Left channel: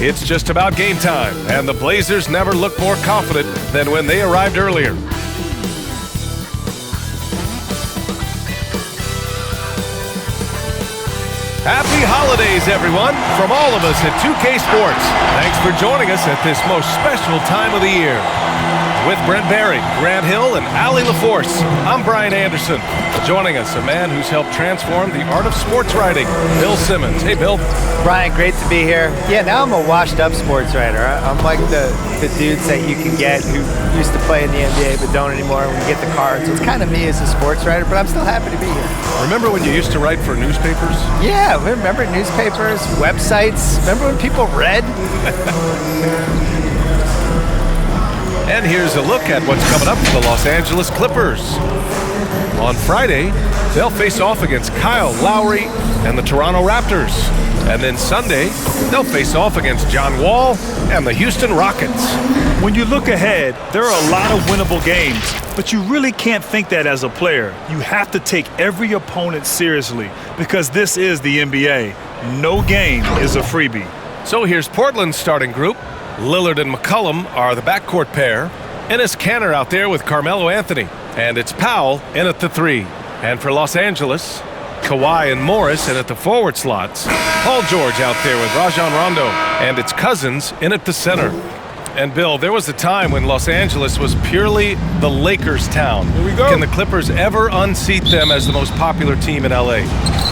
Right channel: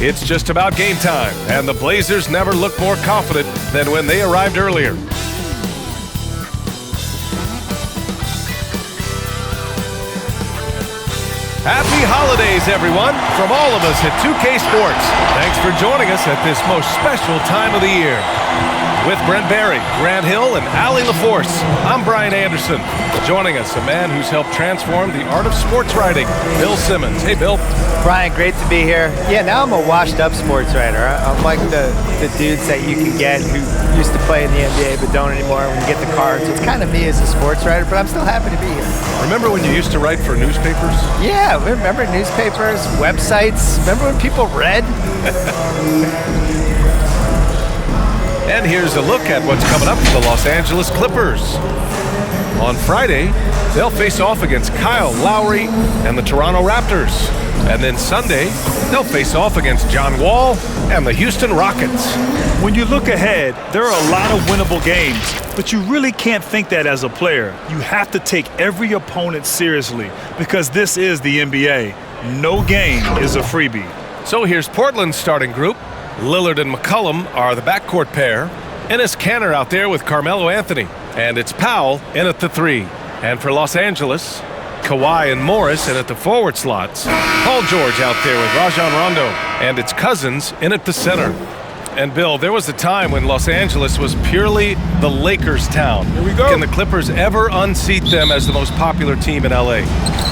It's just about game time, and the Blazers never looked more confident than when they arrived earlier. Happy holidays, everyone, from all of us at 2K Sports. Thanks for joining us at this most special time of the year. With Brent Barry, Grant Hill, and Allie LaForce, I'm Brian Anderson. Joining us, a man who's helped transform the art of sports writing, Bill Simmons. Hey, Bill. Brian, great to be here. Yeah, now I'm a washed-up sports writer. I'm like the dudes that you can get who used to play in the NBA but don't anymore when you get the card. So it's kind of me as a sports writer, but I'm still happy to be here. Remember when you used to write for newspapers? Yeah, remember newspapers, websites? Remember when people read? And here's a look at what's coming up for the Los Angeles Clippers. On Friday, they'll face off against Kyle Lowry and the Toronto Raptors. And then Sunday, they'll face off against John Wall and the Houston Rockets. When you look ahead, there are a lot of winnable games, but you really can't think that as a player. You have to take every opponent seriously because this is the NBA. No game is a freebie. So here's Portland's starting group. Lillard and McCollum are the backcourt pair. Enes Kanter out there with Carmelo Anthony. And it's Powell in at the 3. And for Los Angeles, Kawhi and Morris in at the forward slots. Paul George out there with Rajon Rondo. And it's Cousins in at the center. And Bill, there was a time when Los Angeles was purely the Lakers town. Here we go. Can the Clippers ever unseat them as the most popular team in LA?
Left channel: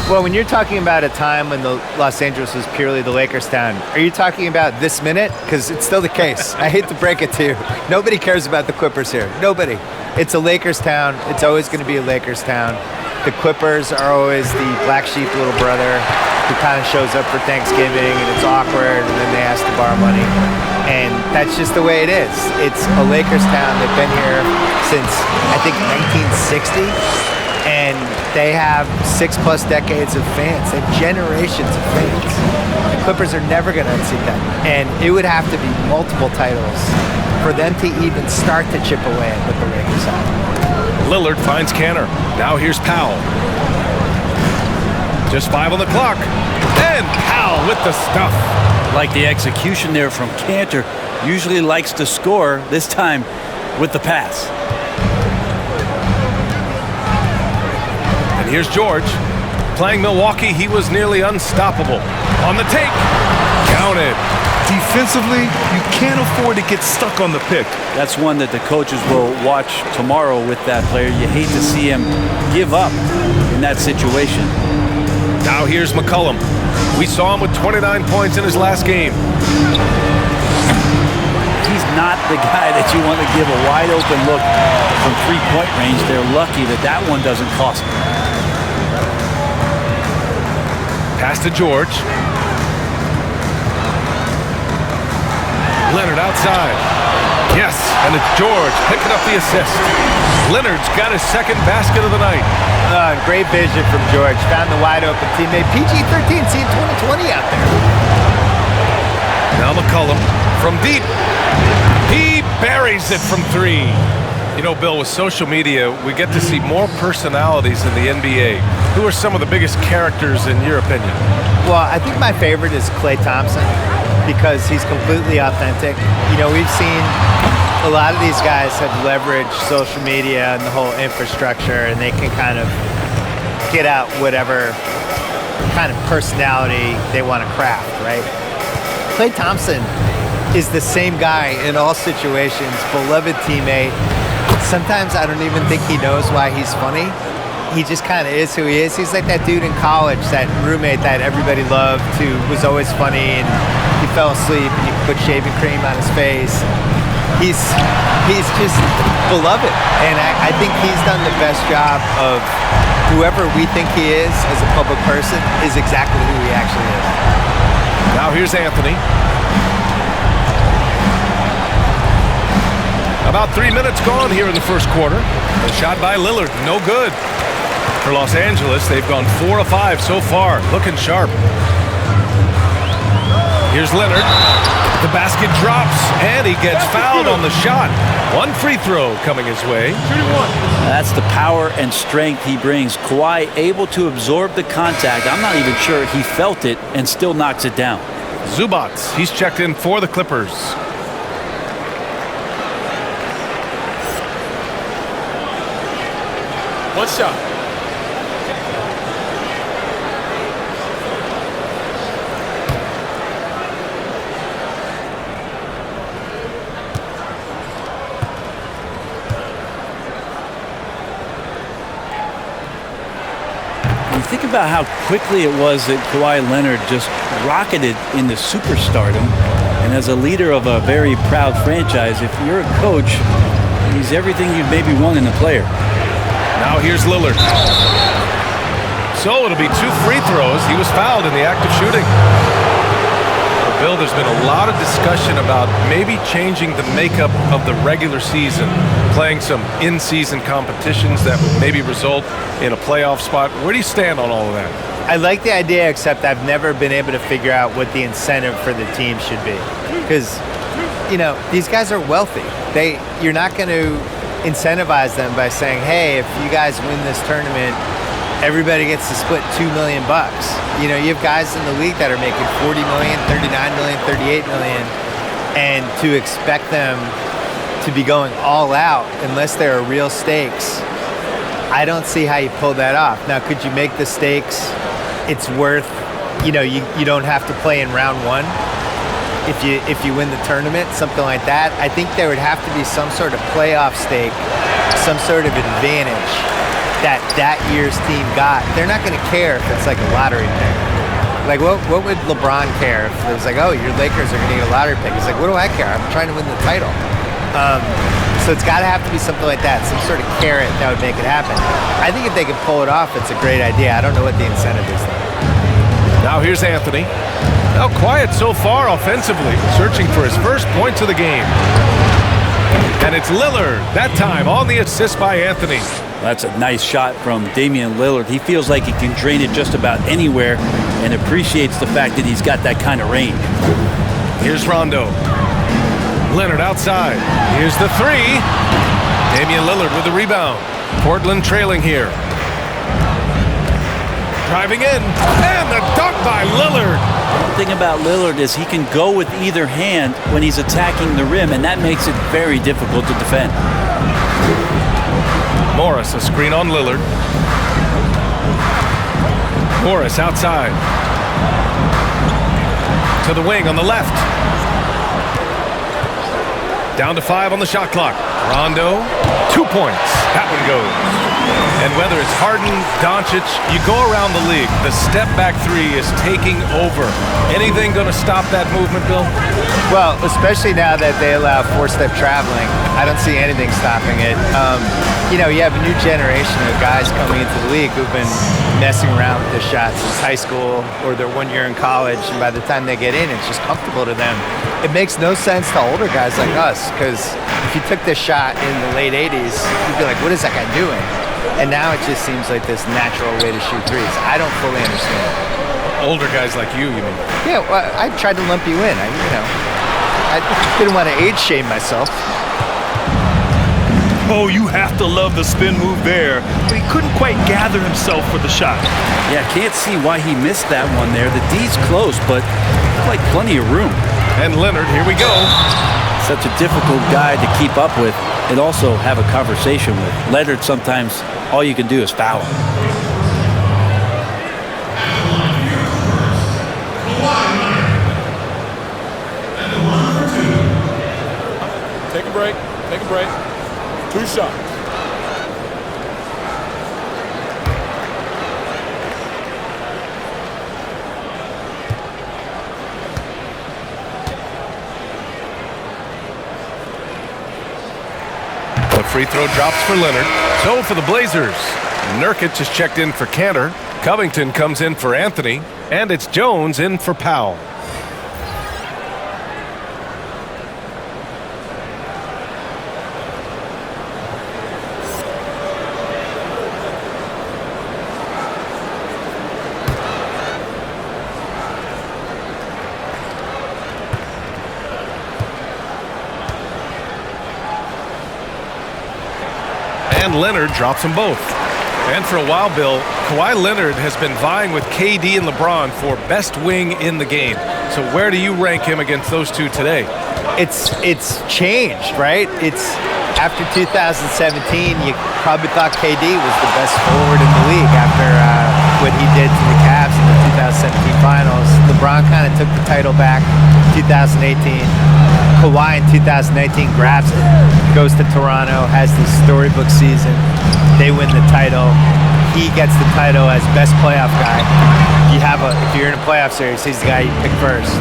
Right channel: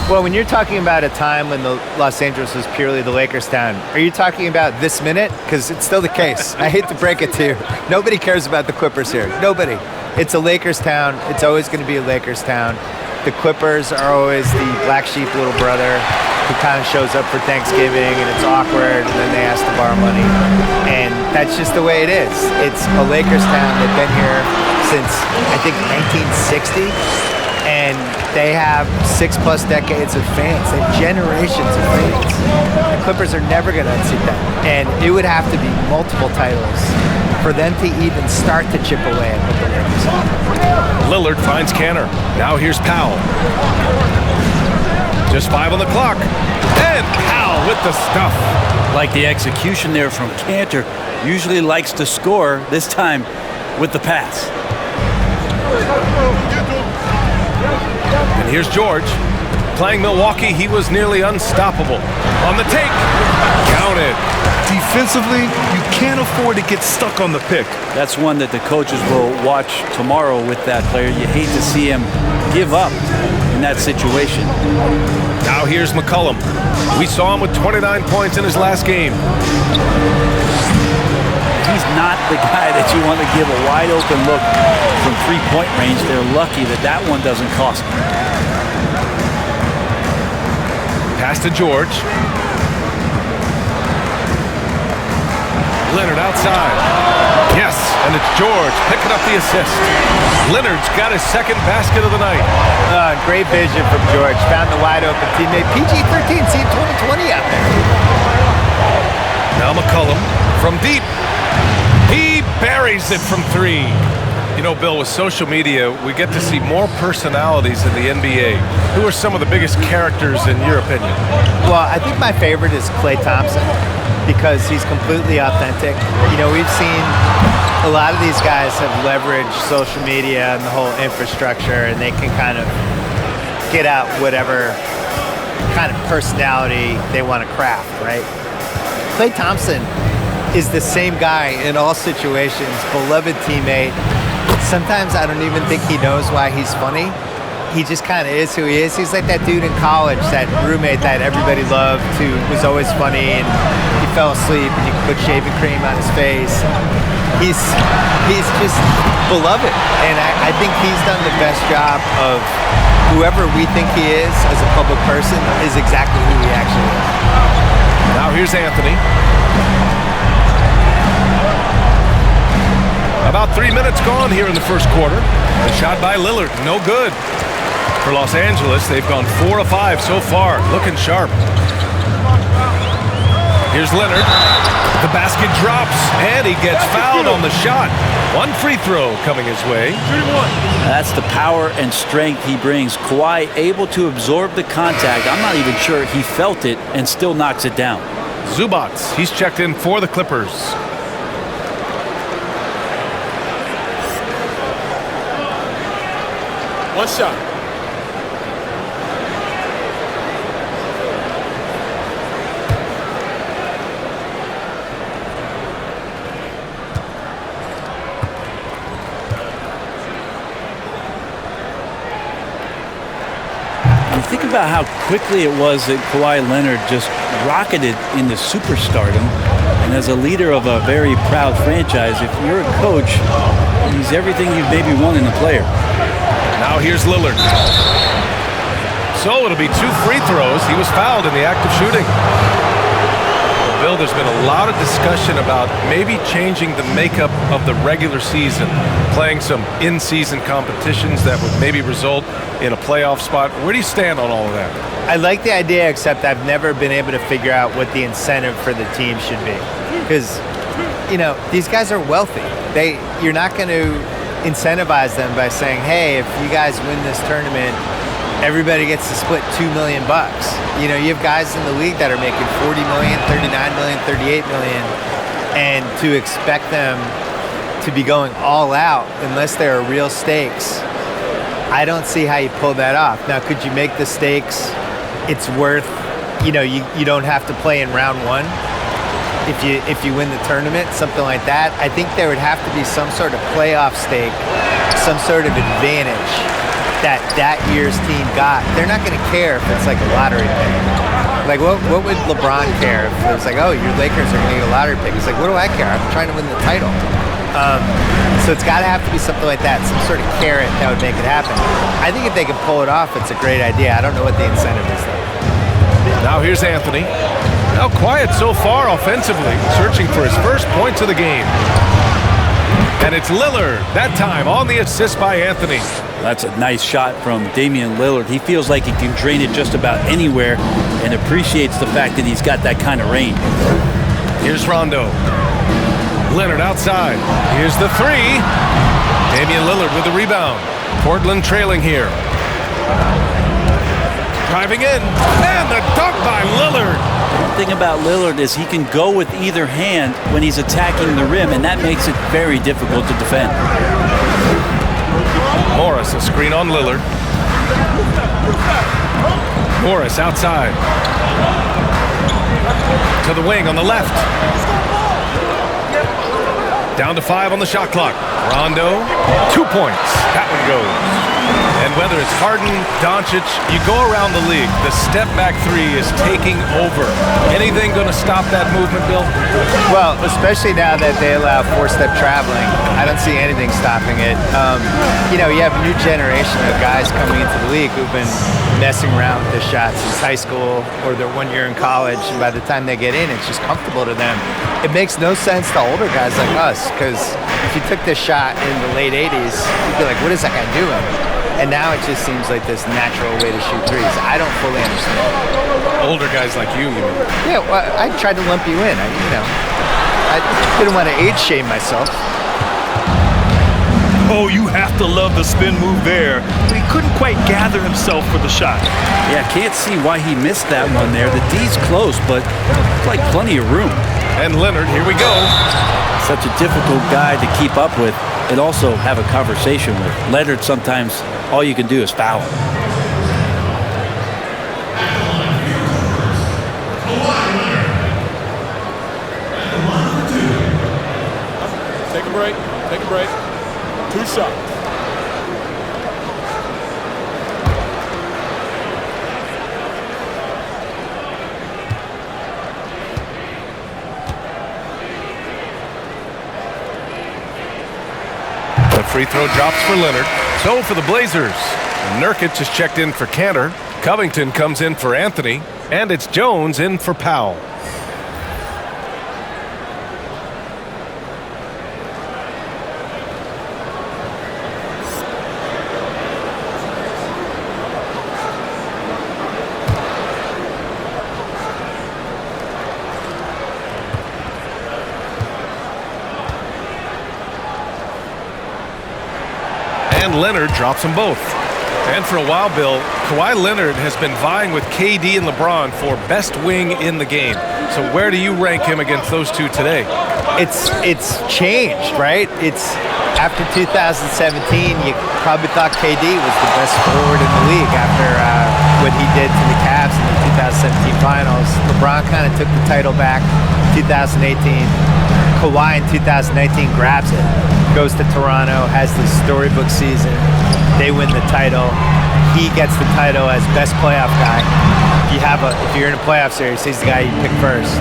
Well, when you're talking about a time when the Los Angeles was purely the Lakers town, are you talking about this minute? Because it's still the case. I hate to break it to you. Nobody cares about the Clippers here. Nobody. It's a Lakers town. It's always going to be a Lakers town. The Clippers are always the black sheep little brother who kind of shows up for Thanksgiving and it's awkward and then they ask to borrow money. And that's just the way it is. It's a Lakers town. They've been here since, I think, 1960. And they have 6+ decades of fans. They have generations of fans. The Clippers are never going to unseat them. And it would have to be multiple titles for them to even start to chip away at what the Lakers have. Lillard finds Kanter. Now here's Powell. Just 5 on the clock. And Powell with the stuff. Like the execution there from Kanter. Usually likes to score, this time with the pass. And here's George. Playing Milwaukee, he was nearly unstoppable. On the take. Counted. Defensively, you can't afford to get stuck on the pick. That's one that the coaches will watch tomorrow with that player. You hate to see him give up in that situation. Now here's McCollum. We saw him with 29 points in his last game. He's not the guy that you want to give a wide open look from three-point range. They're lucky that that one doesn't cost them. Pass to George. Leonard outside. Yes, and it's George picking up the assist. Leonard's got his second basket of the night. Great vision from George. Found the wide open teammate. PG-13, seeing 2020 out there. Now McCollum from deep. He buries it from 3. You know, Bill, with social media, we get to see more personalities in the NBA. Who are some of the biggest characters in your opinion? Well, I think my favorite is Klay Thompson because he's completely authentic. You know, we've seen a lot of these guys have leveraged social media and the whole infrastructure, and they can kind of get out whatever kind of personality they want to craft, right? Klay Thompson is the same guy in all situations, beloved teammate. Sometimes I don't even think he knows why he's funny. He just kind of is who he is. He's like that dude in college, that roommate that everybody loved, who was always funny, and he fell asleep and you could put shaving cream on his face. He's just beloved, and I think he's done the best job of whoever we think he is as a public person is exactly who he actually is. Now here's Anthony. About 3 minutes gone here in the first quarter. The shot by Lillard, no good. For Los Angeles, they've gone 4 of 5 so far, looking sharp. Here's Leonard. The basket drops, and he gets fouled on the shot. One free throw coming his way. Shooting one. That's the power and strength he brings. Kawhi able to absorb the contact. I'm not even sure he felt it and still knocks it down. Zubats, he's checked in for the Clippers. One shot. You think about how quickly it was that Kawhi Leonard just rocketed into superstardom. And as a leader of a very proud franchise, if you're a coach, he's everything you'd maybe want in a player. Now here's Lillard. So it'll be 2 free throws. He was fouled in the act of shooting. Well, Bill, there's been a lot of discussion about maybe changing the makeup of the regular season, playing some in-season competitions that would maybe result in a playoff spot. Where do you stand on all of that? I like the idea, except I've never been able to figure out what the incentive for the team should be. Because, you know, these guys are wealthy. You're not going to incentivize them by saying, hey, if you guys win this tournament, everybody gets to split $2 million. You know, you have guys in the league that are making $40 million, $39 million, $38 million, and to expect them to be going all out unless there are real stakes, I don't see how you pull that off. Now, could you make the stakes it's worth, you know, you don't have to play in round one if you win the tournament, something like that? I think there would have to be some sort of playoff stake, some sort of advantage that year's team got. They're not going to care if it's like a lottery pick. Like, what would LeBron care if it was like, oh, your Lakers are going to get a lottery pick? It's like, what do I care? I'm trying to win the title. So it's got to have to be something like that, some sort of carrot that would make it happen. I think if they can pull it off, it's a great idea. I don't know what the incentive is, though. Now here's Anthony. Now quiet so far offensively, searching for his first points of the game. And it's Lillard, that time on the assist by Anthony. That's a nice shot from Damian Lillard. He feels like he can drain it just about anywhere and appreciates the fact that he's got that kind of range. Here's Rondo. Leonard outside. Here's the three. Damian Lillard with the rebound. Portland trailing here. Driving in. And the dunk by Lillard. One thing about Lillard is he can go with either hand when he's attacking the rim, and that makes it very difficult to defend. Morris, a screen on Lillard. Morris outside. To the wing on the left. Down to 5 on the shot clock. Rondo, 2 points. That one goes. And whether it's Harden, Doncic, you go around the league, the step-back three is taking over. Anything going to stop that movement, Bill? Well, especially now that they allow four-step traveling, I don't see anything stopping it. You know, you have a new generation of guys coming into the league who've been messing around with this shot since high school or their 1 year in college, and by the time they get in, it's just comfortable to them. It makes no sense to older guys like us, because if you took this shot in the late 80s, you'd be like, what is that guy doing? And now it just seems like this natural way to shoot threes. I don't fully understand. Older guys like you mean? Yeah, well, I tried to lump you in. I didn't want to age shame myself. Oh, you have to love the spin move there, but he couldn't quite gather himself for the shot. Yeah, can't see why he missed that one there. The D's close, but like plenty of room. And Leonard, here we go. Such a difficult guy to keep up with and also have a conversation with. Leonard, sometimes all you can do is foul him. Take a break. Take a break. 2 shots. The free throw drops for Leonard. So for the Blazers, Nurkic is checked in for Cantor. Covington comes in for Anthony. And it's Jones in for Powell. And Leonard drops them both. And for a while, Bill, Kawhi Leonard has been vying with KD and LeBron for best wing in the game. So where do you rank him against those two today? It's changed, right? It's after 2017, you probably thought KD was the best forward in the league after what he did to the Cavs in the 2017 finals. LeBron kind of took the title back 2018. Kawhi in 2019 grabs it, goes to Toronto, has this storybook season. They win the title. He gets the title as best playoff guy. If you're in a playoff series, he's the guy you pick first.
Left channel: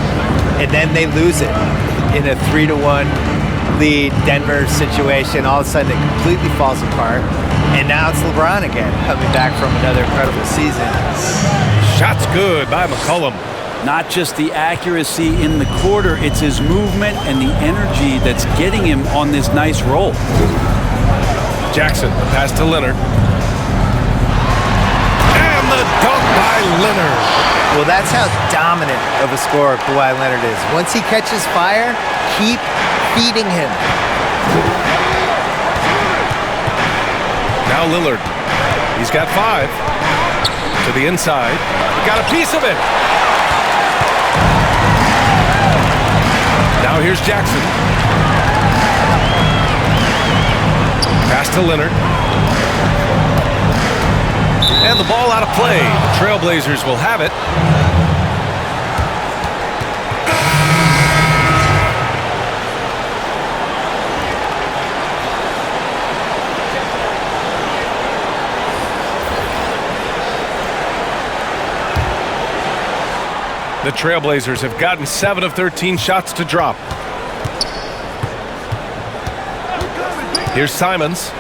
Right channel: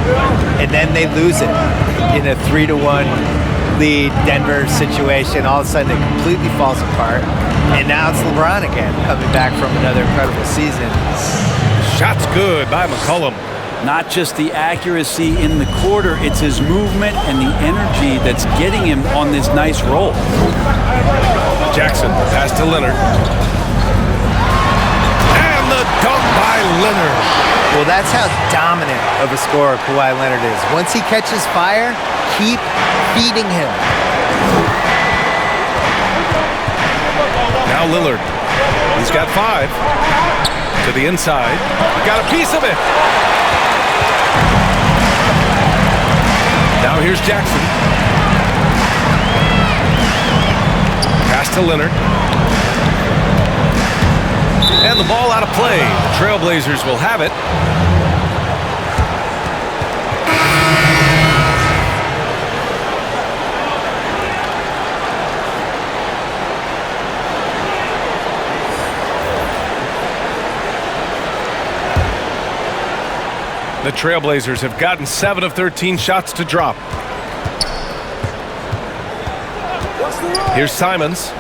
And then they lose it in a 3-1 lead Denver situation. All of a sudden, it completely falls apart. And now it's LeBron again, coming back from another incredible season. Shots good by McCollum. Not just the accuracy in the quarter, it's his movement and the energy that's getting him on this nice roll. Jackson, the pass to Leonard. And the dunk by Leonard. Well, that's how dominant of a scorer Kawhi Leonard is. Once he catches fire, keep feeding him. Now Lillard. He's got 5. To the inside. He got a piece of it. Now here's Jackson. Pass to Leonard. And the ball out of play. The Trailblazers will have it. The Trailblazers have gotten 7 of 13 shots to drop. Here's Simons.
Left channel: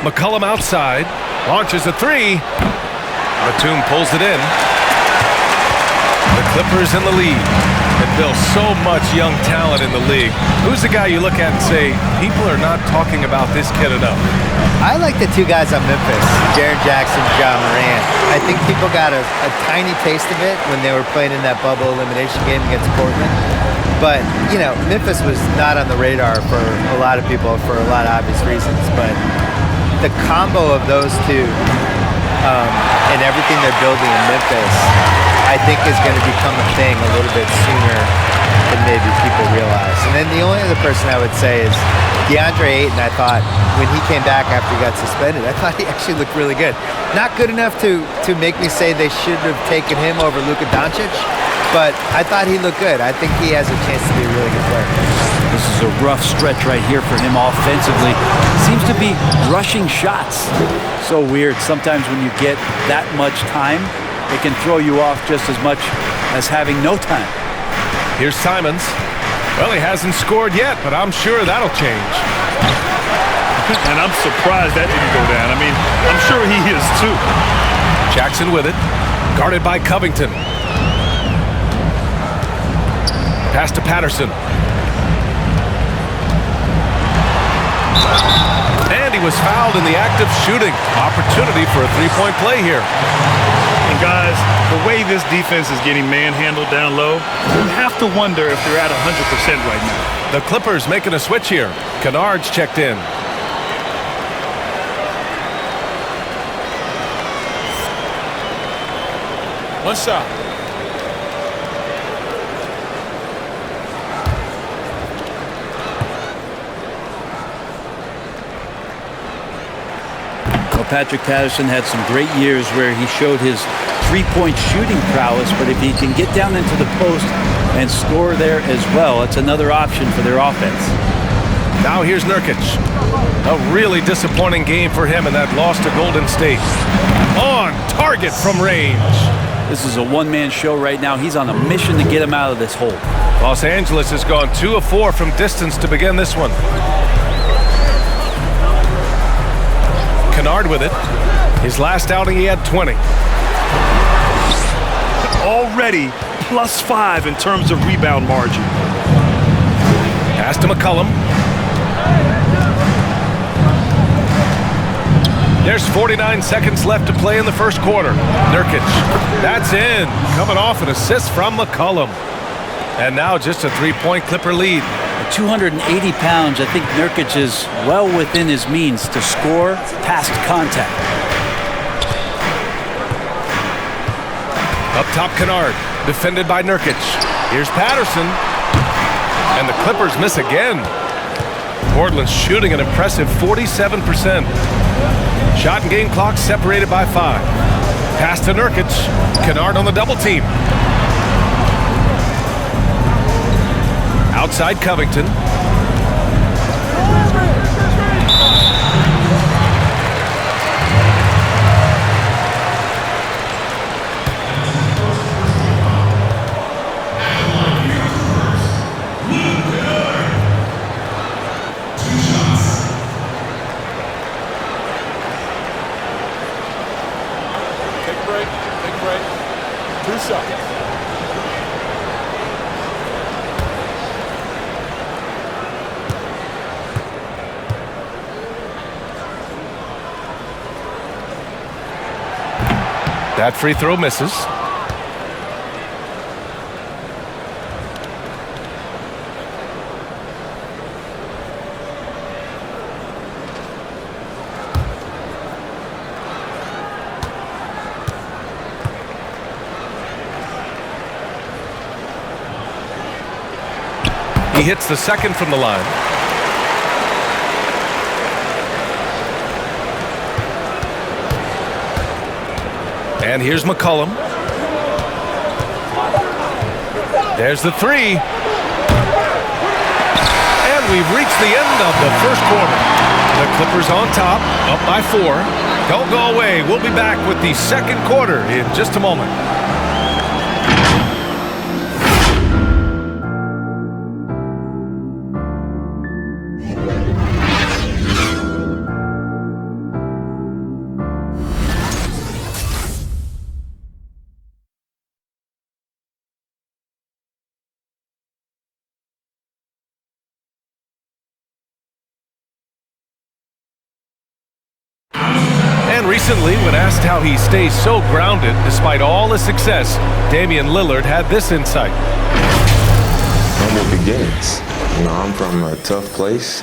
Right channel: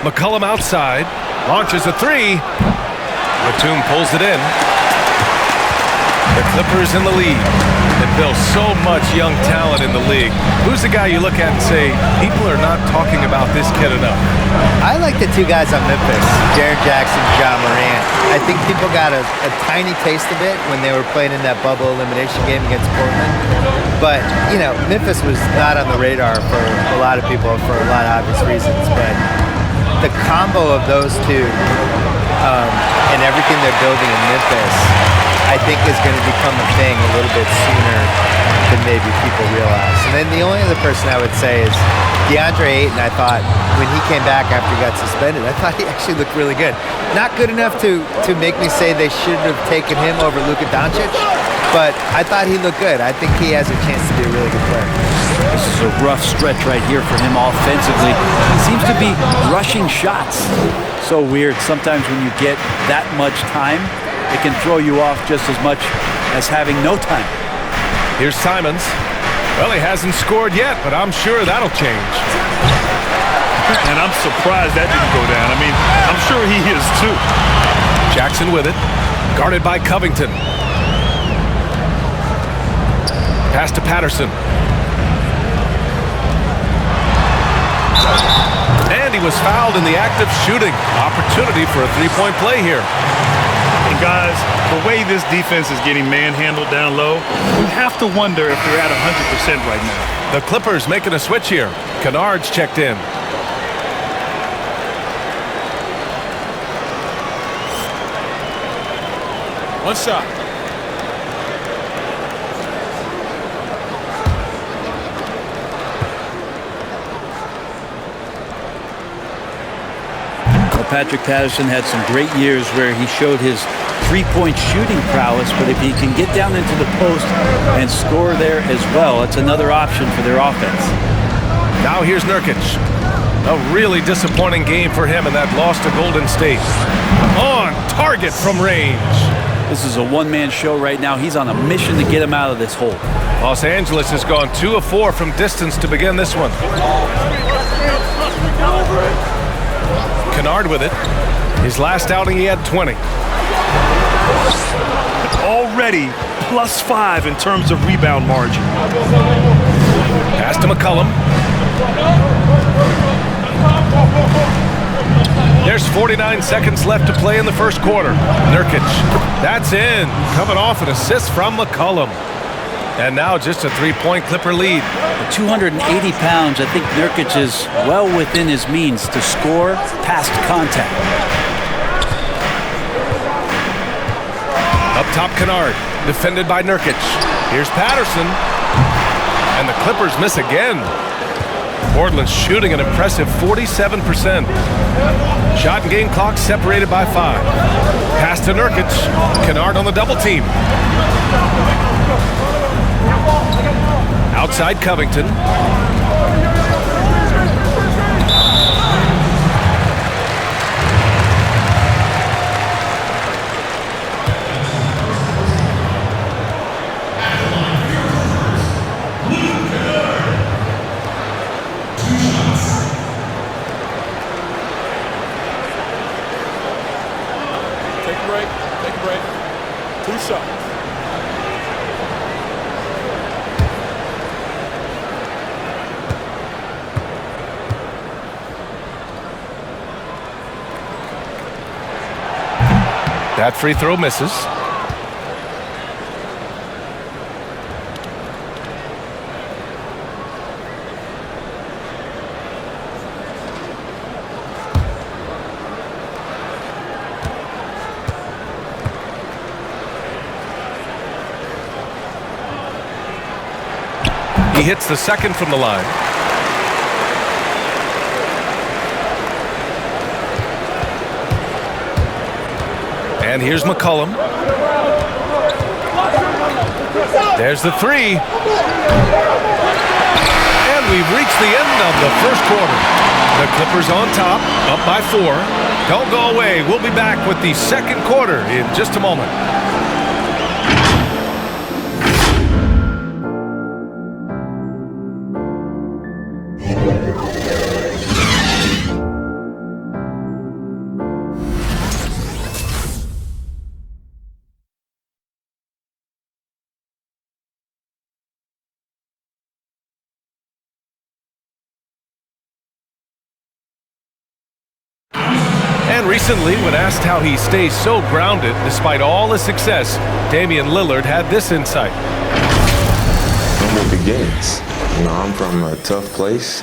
McCollum outside. Launches a 3. Batum pulls it in. The Clippers in the lead. And Bill, so much young talent in the league. Who's the guy you look at and say, people are not talking about this kid enough? I like the two guys on Memphis, Jaren Jackson, Ja Morant. I think people got a tiny taste of it when they were playing in that bubble elimination game against Portland. But, Memphis was not on the radar for a lot of people for a lot of obvious reasons. But the combo of those two and everything they're building in Memphis, I think is going to become a thing a little bit sooner than maybe people realize. And then the only other person I would say is DeAndre Ayton. I thought when he came back after he got suspended, I thought he actually looked really good. Not good enough to make me say they should have taken him over Luka Doncic, but I thought he looked good. I think he has a chance to be a really good player. This is a rough stretch right here for him offensively. He seems to be rushing shots. So weird. Sometimes when you get that much time, it can throw you off just as much as having no time. Here's Simons. Well, he hasn't scored yet, but I'm sure that'll change. And I'm surprised that didn't go down. I mean, I'm sure he is too. Jackson with it. Guarded by Covington. Pass to Patterson. And he was fouled in the act of shooting. Opportunity for a three-point play here. And guys, the way this defense is getting manhandled down low, you have to wonder if they're at 100% right now. The Clippers making a switch here. Kennard's checked in. One shot. Well, Patrick Patterson had some great years where he showed his three-point shooting prowess, but if he can get down into the post and score there as well, it's another option for their offense. Now here's Nurkic. A really disappointing game for him in that loss to Golden State. On target from range. This is a one-man show right now. He's on a mission to get him out of this hole. Los Angeles has gone 2 of 4 from distance to begin this one. Kennard with it. His last outing, he had 20. Already +5 in terms of rebound margin. Pass to McCollum. There's 49 seconds left to play in the first quarter. Nurkic, that's in. Coming off an assist from McCollum. And now just a 3-point Clipper lead. At 280 pounds, I think Nurkic is well within his means to score past contact. Up top, Kennard, defended by Nurkic. Here's Patterson, and the Clippers miss again. Portland's shooting an impressive 47%. Shot and game clock separated by 5. Pass to Nurkic. Kennard on the double team. Outside Covington. Take a break. Take a break. 2 shots. That free throw misses. He hits the second from the line. And here's McCollum. There's the 3. And we've reached the end of the first quarter. The Clippers on top, up by 4. Don't go away. We'll be back with the second quarter in just a moment. And recently, when asked how he stays so grounded despite all his success, Damian Lillard had this insight. Humble beginnings. You know, I'm from a tough place.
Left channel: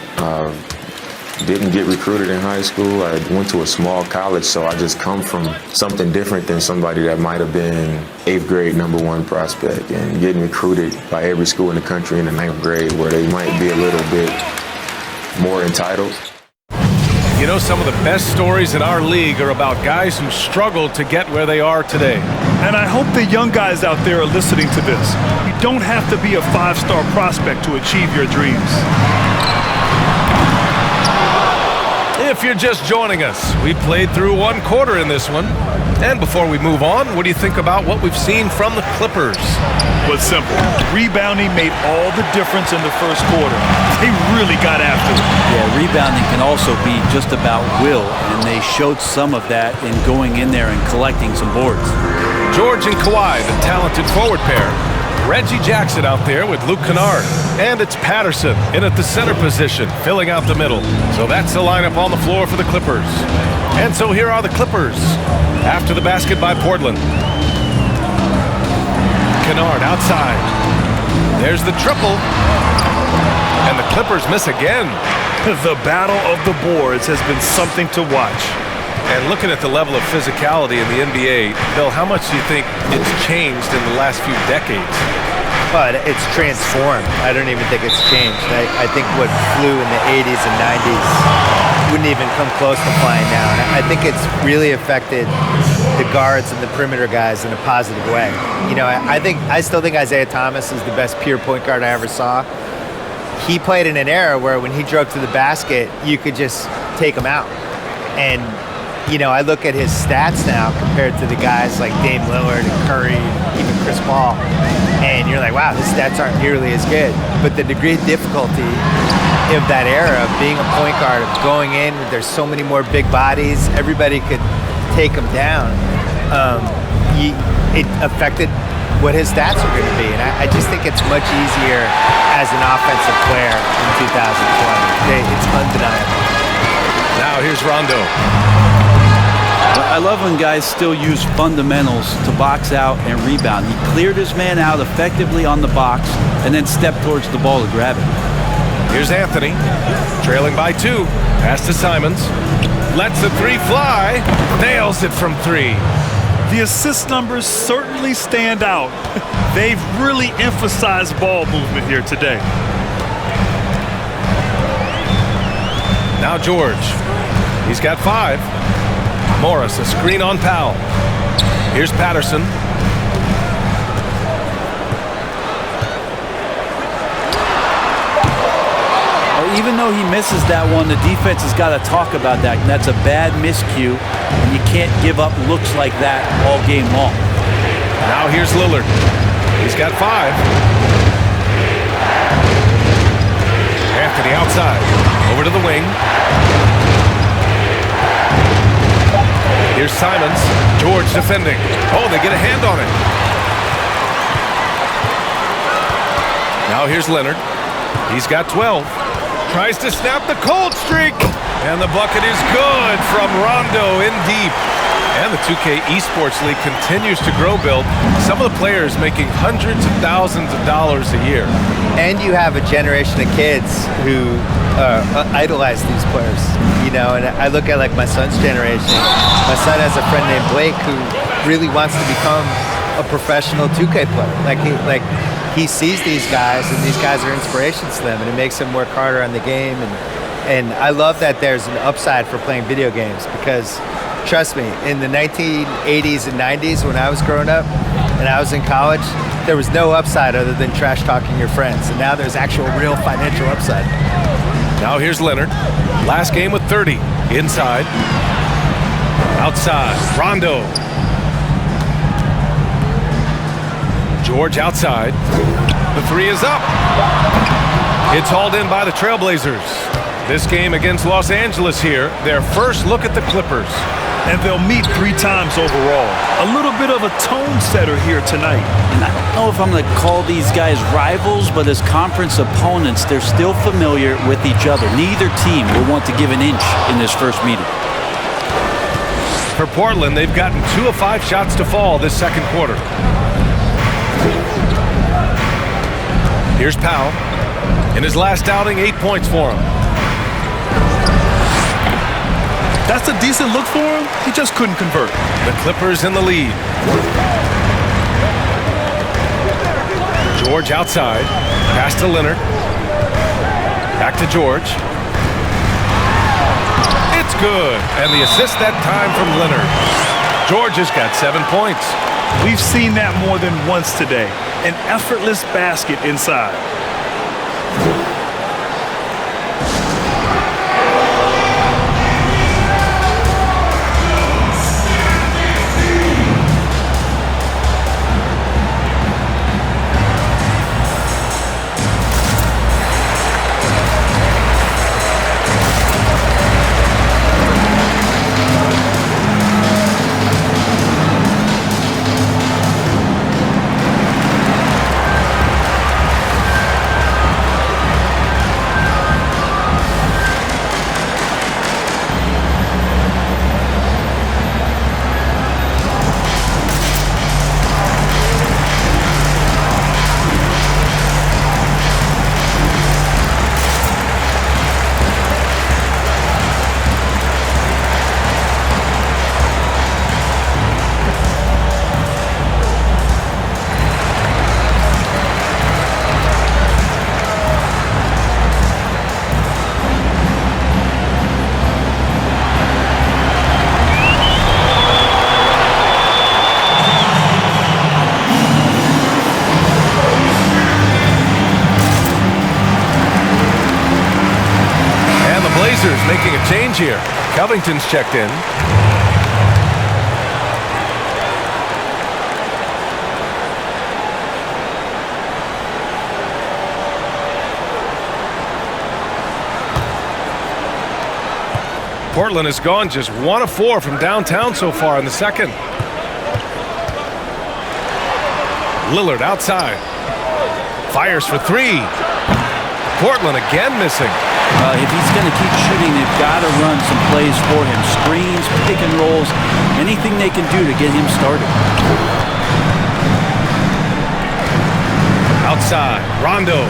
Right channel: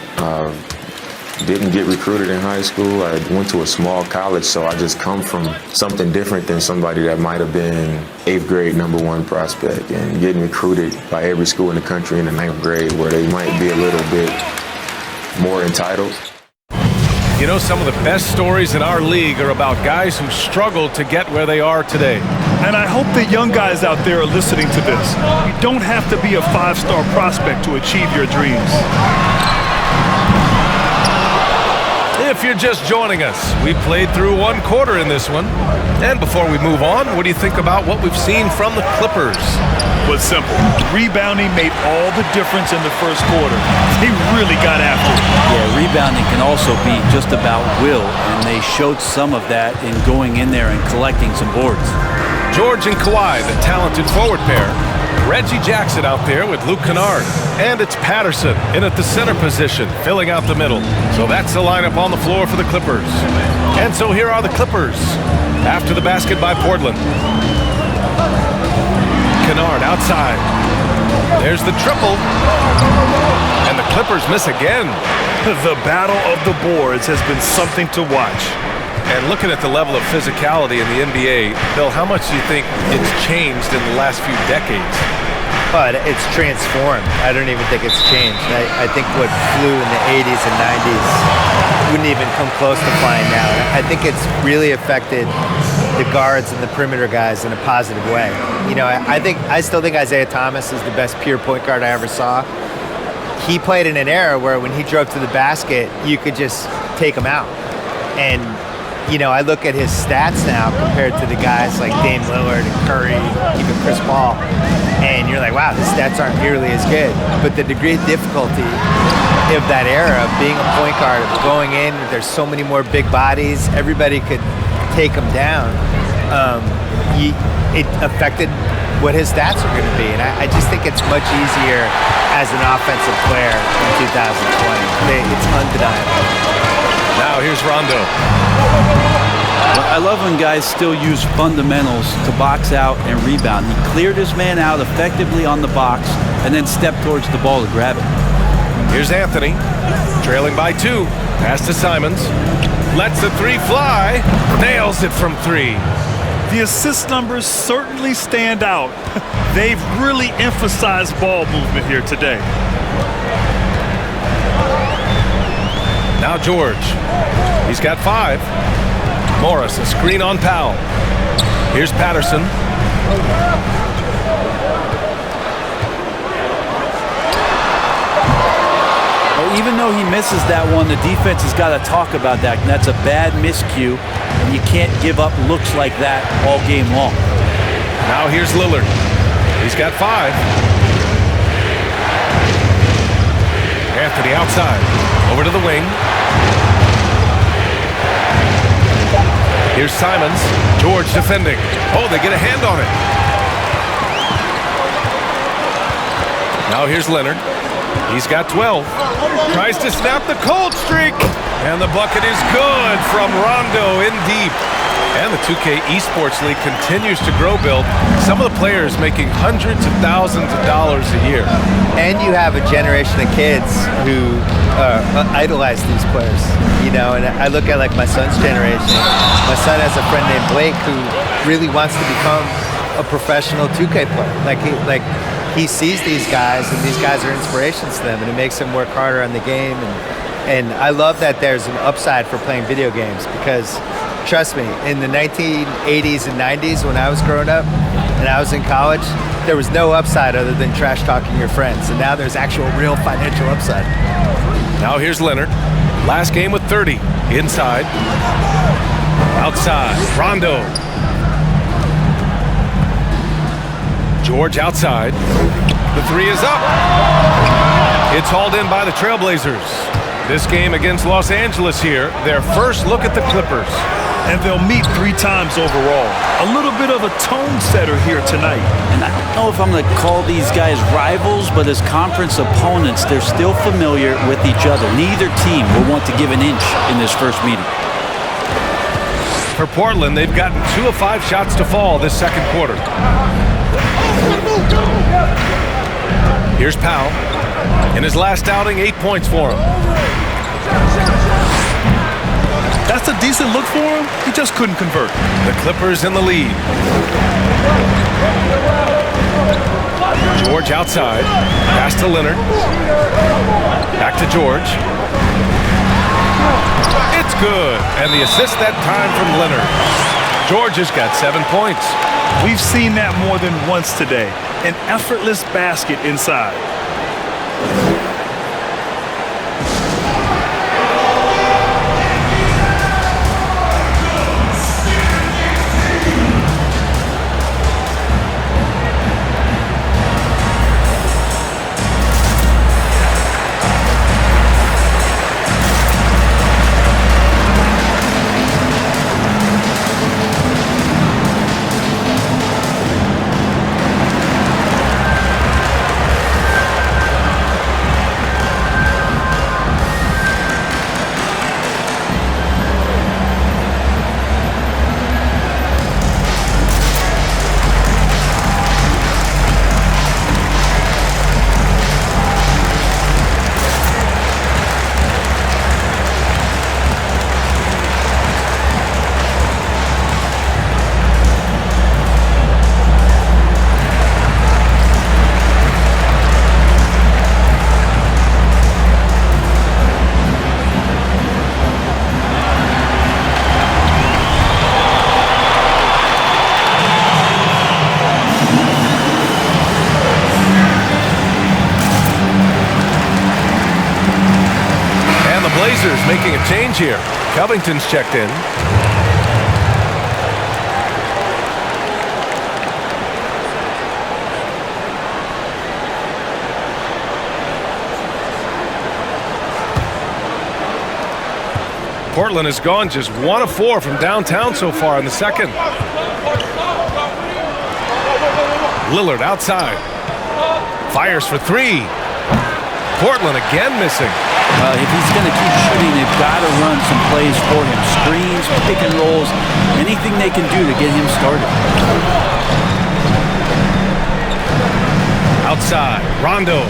Didn't get recruited in high school. I went to a small college, so I just come from something different than somebody that might have been 8th grade #1 prospect and getting recruited by every school in the country in the 9th grade where they might be a little bit more entitled. You know, some of the best stories in our league are about guys who struggled to get where they are today. And I hope the young guys out there are listening to this. You don't have to be a 5-star prospect to achieve your dreams. If you're just joining us, we played through 1 quarter in this one. And before we move on, what do you think about what we've seen from the Clippers? Was simple. Rebounding made all the difference in the first quarter. They really got after it. Yeah, rebounding can also be just about will, and they showed some of that in going in there and collecting some boards. George and Kawhi, the talented forward pair. Reggie Jackson out there with Luke Kennard. And it's Patterson in at the center position, filling out the middle. So that's the lineup on the floor for the Clippers. And so here are the Clippers after the basket by Portland. Kennard outside. There's the triple. And the Clippers miss again. The battle of the boards has been something to watch. And looking at the level of physicality in the NBA, Bill, how much do you think it's changed in the last few decades? But it's transformed. I don't even think it's changed. I think what flew in the 80s and 90s wouldn't even come close to flying now. And I think it's really affected the guards and the perimeter guys in a positive way. You know, I still think Isaiah Thomas is the best pure point guard I ever saw. He played in an era where when he drove to the basket, you could just take him out. And you know, I look at his stats now compared to the guys like Dame Lillard and Curry and even Chris Paul, and you're like, wow, his stats aren't nearly as good. But the degree of difficulty of that era of being a point guard, of going in, there's so many more big bodies, everybody could take him down. It affected what his stats are going to be. And I just think it's much easier as an offensive player in 2020. It's undeniable. Now here's Rondo. I love when guys still use fundamentals to box out and rebound. He cleared his man out effectively on the box and then stepped towards the ball to grab it. Here's Anthony, trailing by 2. Pass to Simons. Lets the 3 fly. Nails it from 3. The assist numbers certainly stand out. They've really emphasized ball movement here today. Now George. He's got 5. Morris, a screen on Powell. Here's Patterson. Even though he misses that one, the defense has got to talk about that. And that's a bad miscue, and you can't give up looks like that all game long. Now here's Lillard. He's got 5. Anthony outside. Over to the wing. Here's Simons. George defending. Oh, they get a hand on it. Now here's Leonard. He's got 12. Tries to snap the cold streak. And the bucket is good from Rondo in deep. And the 2K Esports League continues to grow, Bill. Some of the players making hundreds of thousands of dollars a year. And you have a generation of kids who idolize these players, you know, and I look at like my son's generation. My son has a friend named Blake who really wants to become a professional 2K player. He sees these guys, and these guys are inspirations to them, and it makes them work harder on the game. And I love that there's an upside for playing video games because, trust me, in the 1980s and 90s when I was growing up and I was in college, there was no upside other than trash talking your friends. And now there's actual real financial upside. Now here's Leonard. Last game with 30. Inside. Outside. Rondo. George outside. The 3 is up. It's hauled in by the Trailblazers. This game against Los Angeles here, their first look at the Clippers. And they'll meet 3 times overall. A little bit of a tone setter here tonight. And I don't know if I'm going to call these guys rivals, but as conference opponents, they're still familiar with each other. Neither team will want to give an inch in this first meeting. For Portland, they've gotten 2 of 5 shots to fall this second quarter. Here's Powell. In his last outing, 8 points for him. That's a decent look for him. He just couldn't convert. The Clippers in the lead. George outside. Pass to Leonard. Back to George. It's good. And the assist that time from Leonard. George has got 7 points. We've seen that more than once today. An effortless basket inside. Blazers making a change here. Covington's checked in. Portland has gone just 1 of 4 from downtown so far in the second. Lillard outside. Fires for 3. Portland again missing. If he's going to keep shooting, they've got to run some plays for him. Screens, pick and rolls, anything they can do to get him started. Outside, Rondo.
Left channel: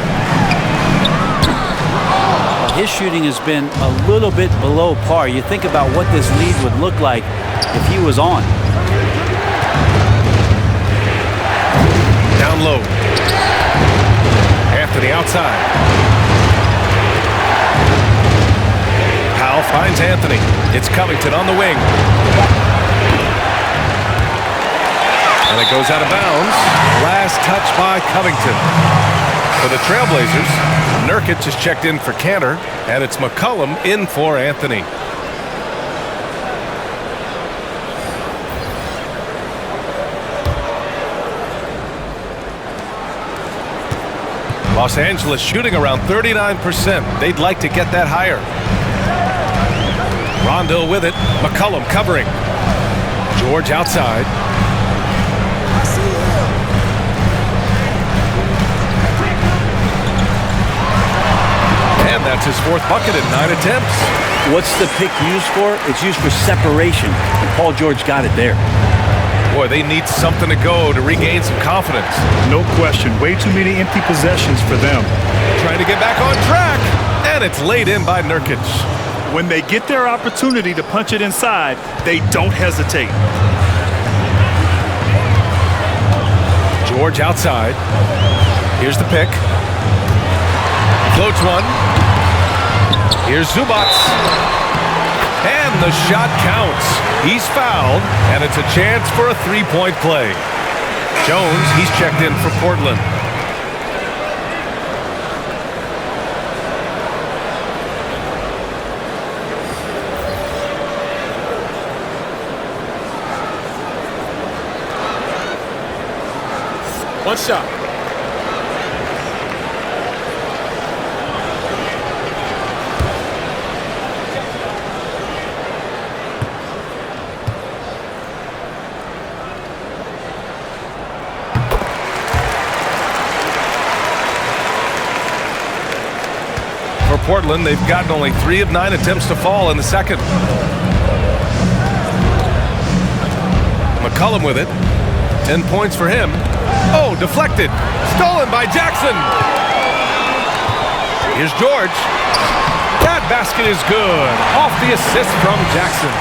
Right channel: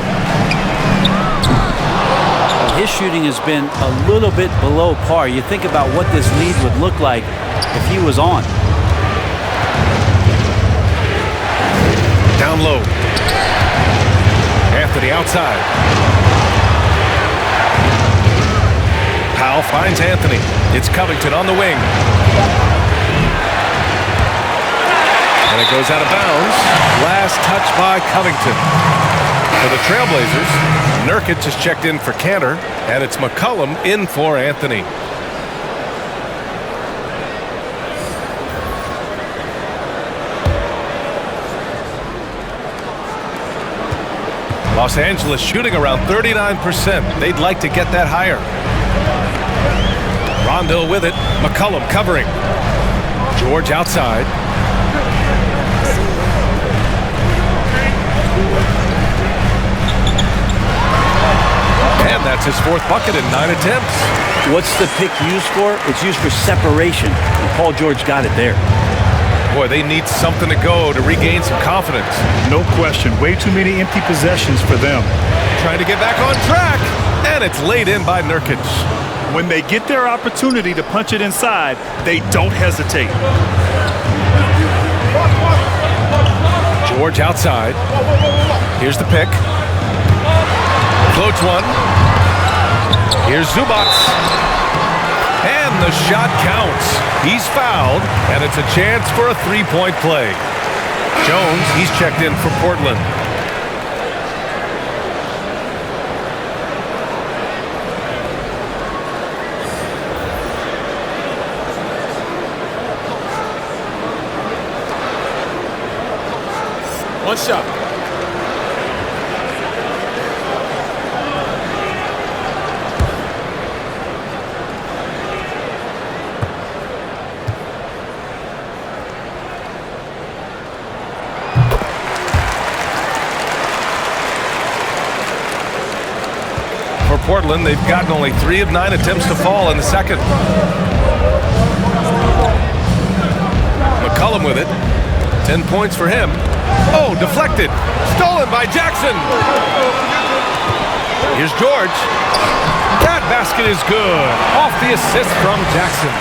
his shooting has been a little bit below par. You think about what this lead would look like if he was on. Down low. Anthony outside. Powell finds Anthony. It's Covington on the wing. And it goes out of bounds. Last touch by Covington. For the Trailblazers, Nurkic is checked in for Cantor, and it's McCollum in for Anthony. Los Angeles shooting around 39%. They'd like to get that higher. Rondo with it. McCollum covering. George outside. And that's his fourth bucket in 9 attempts. What's the pick used for? It's used for separation. And Paul George got it there. Boy, they need something to go to regain some confidence. No question. Way too many empty possessions for them. Trying to get back on track. And it's laid in by Nurkic. When they get their opportunity to punch it inside, they don't hesitate. George outside. Here's the pick. Floats one. Here's Zubac. And the shot counts. He's fouled, and it's a chance for a three-point play. Jones, he's checked in for Portland. One shot. For Portland, they've gotten only 3 of 9 attempts to fall in the second. McCollum with it. 10 points for him. Oh, deflected. Stolen by Jackson. Here's George. That basket is good. Off the assist from Jackson.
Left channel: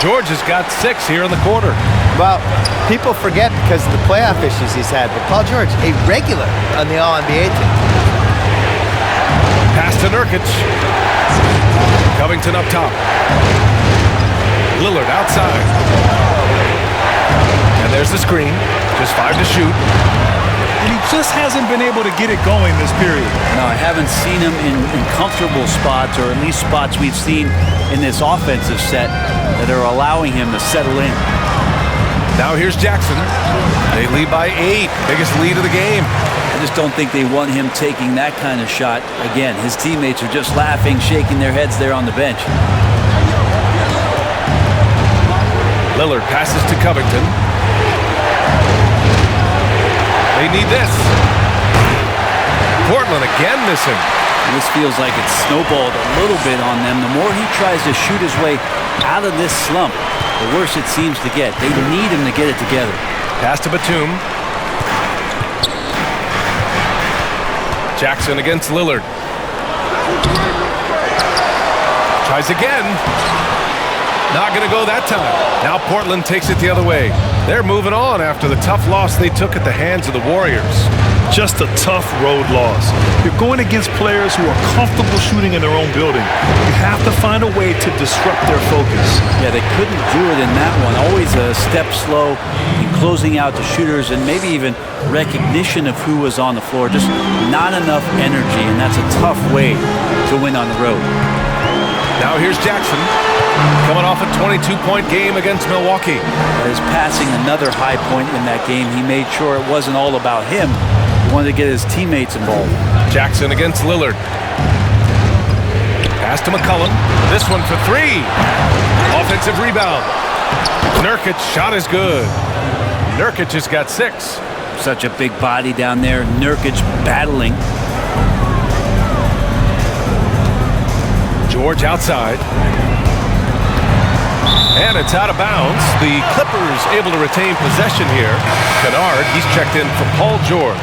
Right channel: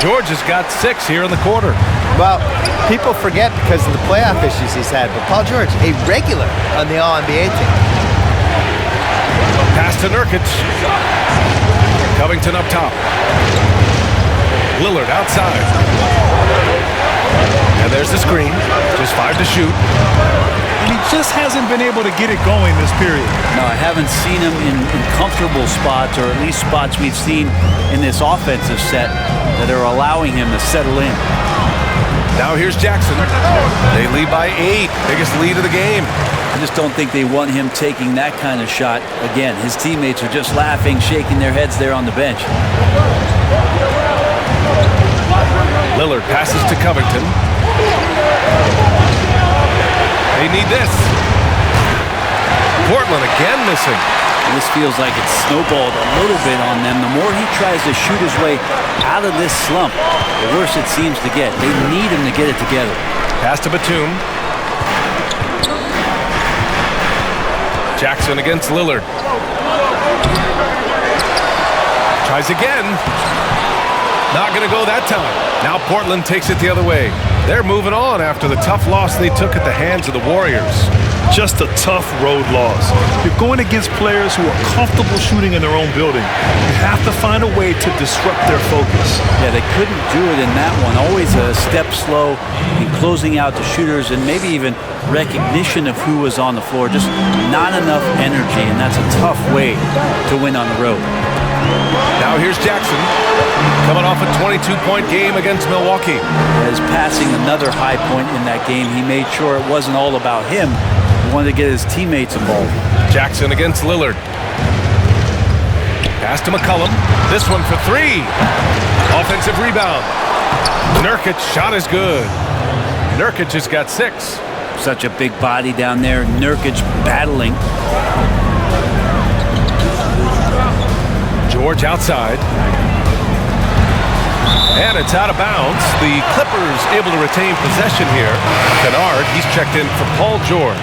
George has got 6 here in the quarter. Well, people forget because of the playoff issues he's had, but Paul George, a regular on the All-NBA team. Pass to Nurkic. Covington up top. Lillard outside. And there's the screen. Just 5 to shoot. And he just hasn't been able to get it going this period. No, I haven't seen him in comfortable spots, or at least spots we've seen in this offensive set that are allowing him to settle in. Now here's Jackson. They lead by 8. Biggest lead of the game. I just don't think they want him taking that kind of shot again. His teammates are just laughing, shaking their heads there on the bench. Lillard passes to Covington. They need this. Portland again missing. And this feels like it's snowballed a little bit on them. The more he tries to shoot his way out of this slump, the worse it seems to get. They need him to get it together. Pass to Batum. Jackson against Lillard. Tries again. Not going to go that time. Now Portland takes it the other way. They're moving on after the tough loss they took at the hands of the Warriors. Just a tough road loss. You're going against players who are comfortable shooting in their own building. You have to find a way to disrupt their focus. Yeah, they couldn't do it in that one. Always a step slow in closing out the shooters, and maybe even recognition of who was on the floor. Just not enough energy, and that's a tough way to win on the road. Now here's Jackson, coming off a 22-point game against Milwaukee. That is passing another high point in that game. He made sure it wasn't all about him. He wanted to get his teammates involved. Jackson against Lillard. Pass to McCollum. This one for 3. Offensive rebound. Nurkic shot is good. Nurkic has got 6. Such a big body down there. Nurkic battling. George outside. And it's out of bounds. The Clippers able to retain possession here. Kennard, he's checked in for Paul George.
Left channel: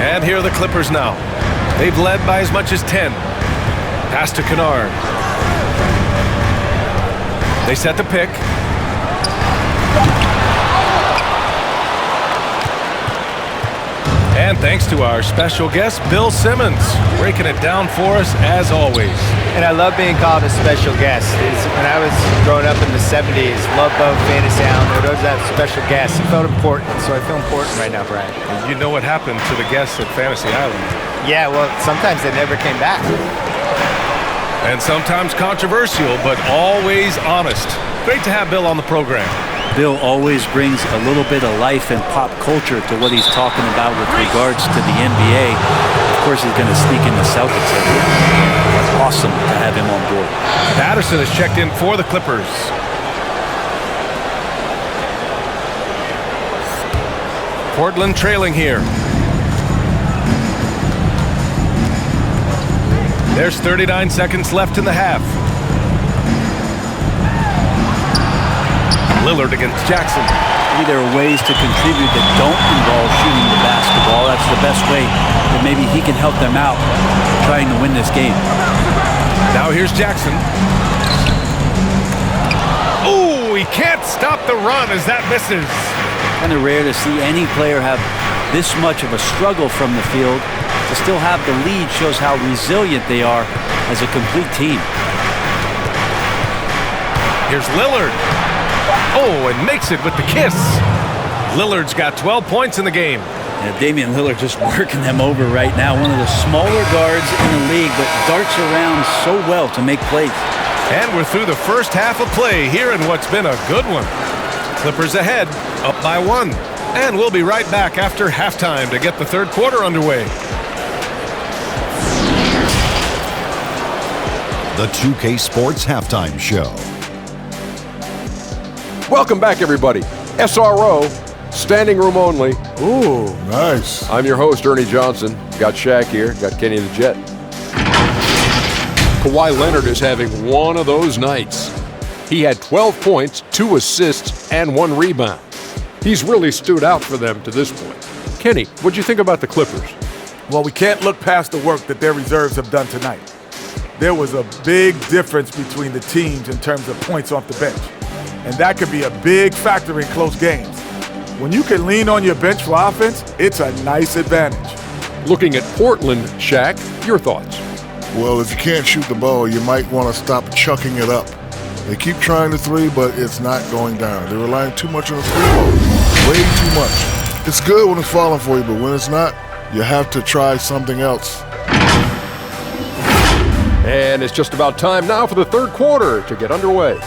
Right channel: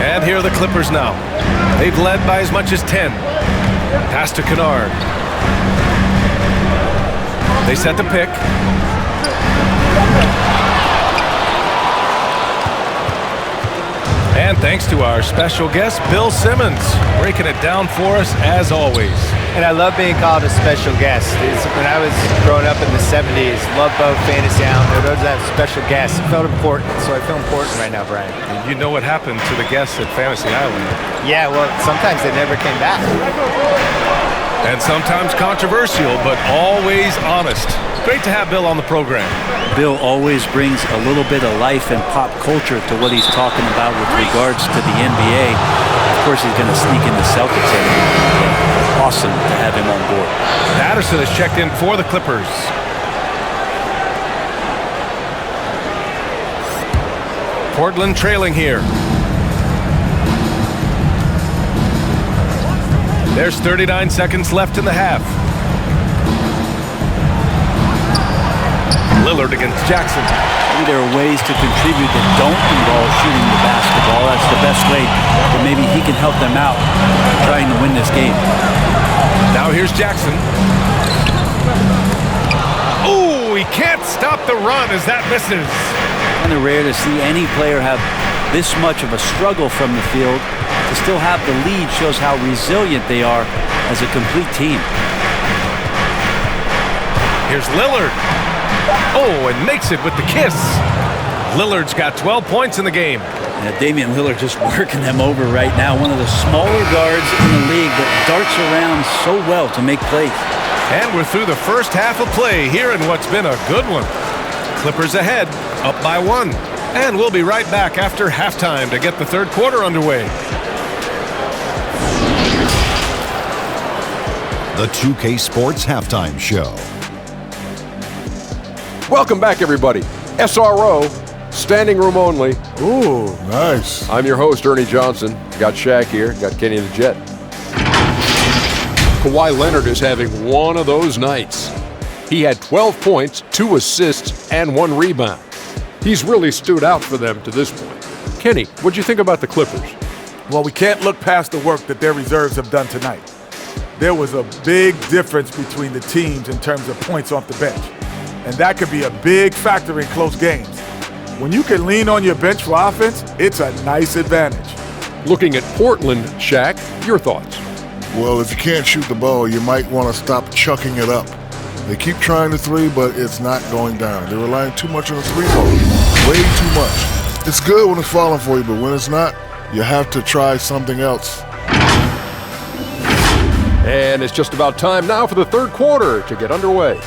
And here are the Clippers now. They've led by as much as 10. Pass to Kennard. They set the pick. And thanks to our special guest, Bill Simmons, breaking it down for us as always. And I love being called a special guest. When I was growing up in the 70s, loved both Fantasy Island. There was that special guest. It felt important, so I feel important right now, Brian. You know what happened to the guests at Fantasy Island. Yeah, well, sometimes they never came back. And sometimes controversial, but always honest. Great to have Bill on the program. Bill always brings a little bit of life and pop culture to what he's talking about with regards to the NBA. Of course, he's going to sneak in the Celtics every now and again. But awesome to have him on board. Patterson has checked in for the Clippers. Portland trailing here. There's 39 seconds left in the half. Lillard against Jackson. Maybe there are ways to contribute that don't involve shooting the basketball. That's the best way that maybe he can help them out trying to win this game. Now here's Jackson. Oh, he can't stop the run as that misses. Kind of rare to see any player have this much of a struggle from the field. To still have the lead shows how resilient they are as a complete team. Here's Lillard. Oh, and makes it with the kiss. Lillard's got 12 points in the game. Yeah, Damian Lillard just working them over right now. One of the smaller guards in the league, but darts around so well to make plays. And we're through the first half of play here in what's been a good one. Clippers ahead, up by 1. And we'll be right back after halftime to get the third quarter underway. The 2K Sports Halftime Show. Welcome back, everybody. SRO, standing room only. Ooh, nice. I'm your host, Ernie Johnson. Got Shaq here, got Kenny the Jet. Kawhi Leonard is having one of those nights. He had 12 points, 2 assists, and 1 rebound. He's really stood out for them to this point. Kenny, what'd you think about the Clippers? Well, we can't look past the work that their reserves have done tonight. There was a big difference between the teams in terms of points off the bench. And that could be a big factor in close games. When you can lean on your bench for offense, it's a nice advantage. Looking at Portland, Shaq, your thoughts? Well, if you can't shoot the ball, you might want to stop chucking it up. They keep trying the three, but it's not going down. They're relying too much on the three ball. Way too much. It's good when it's falling for you, but when it's not, you have to try something else. And it's just about time now for the third quarter to get underway.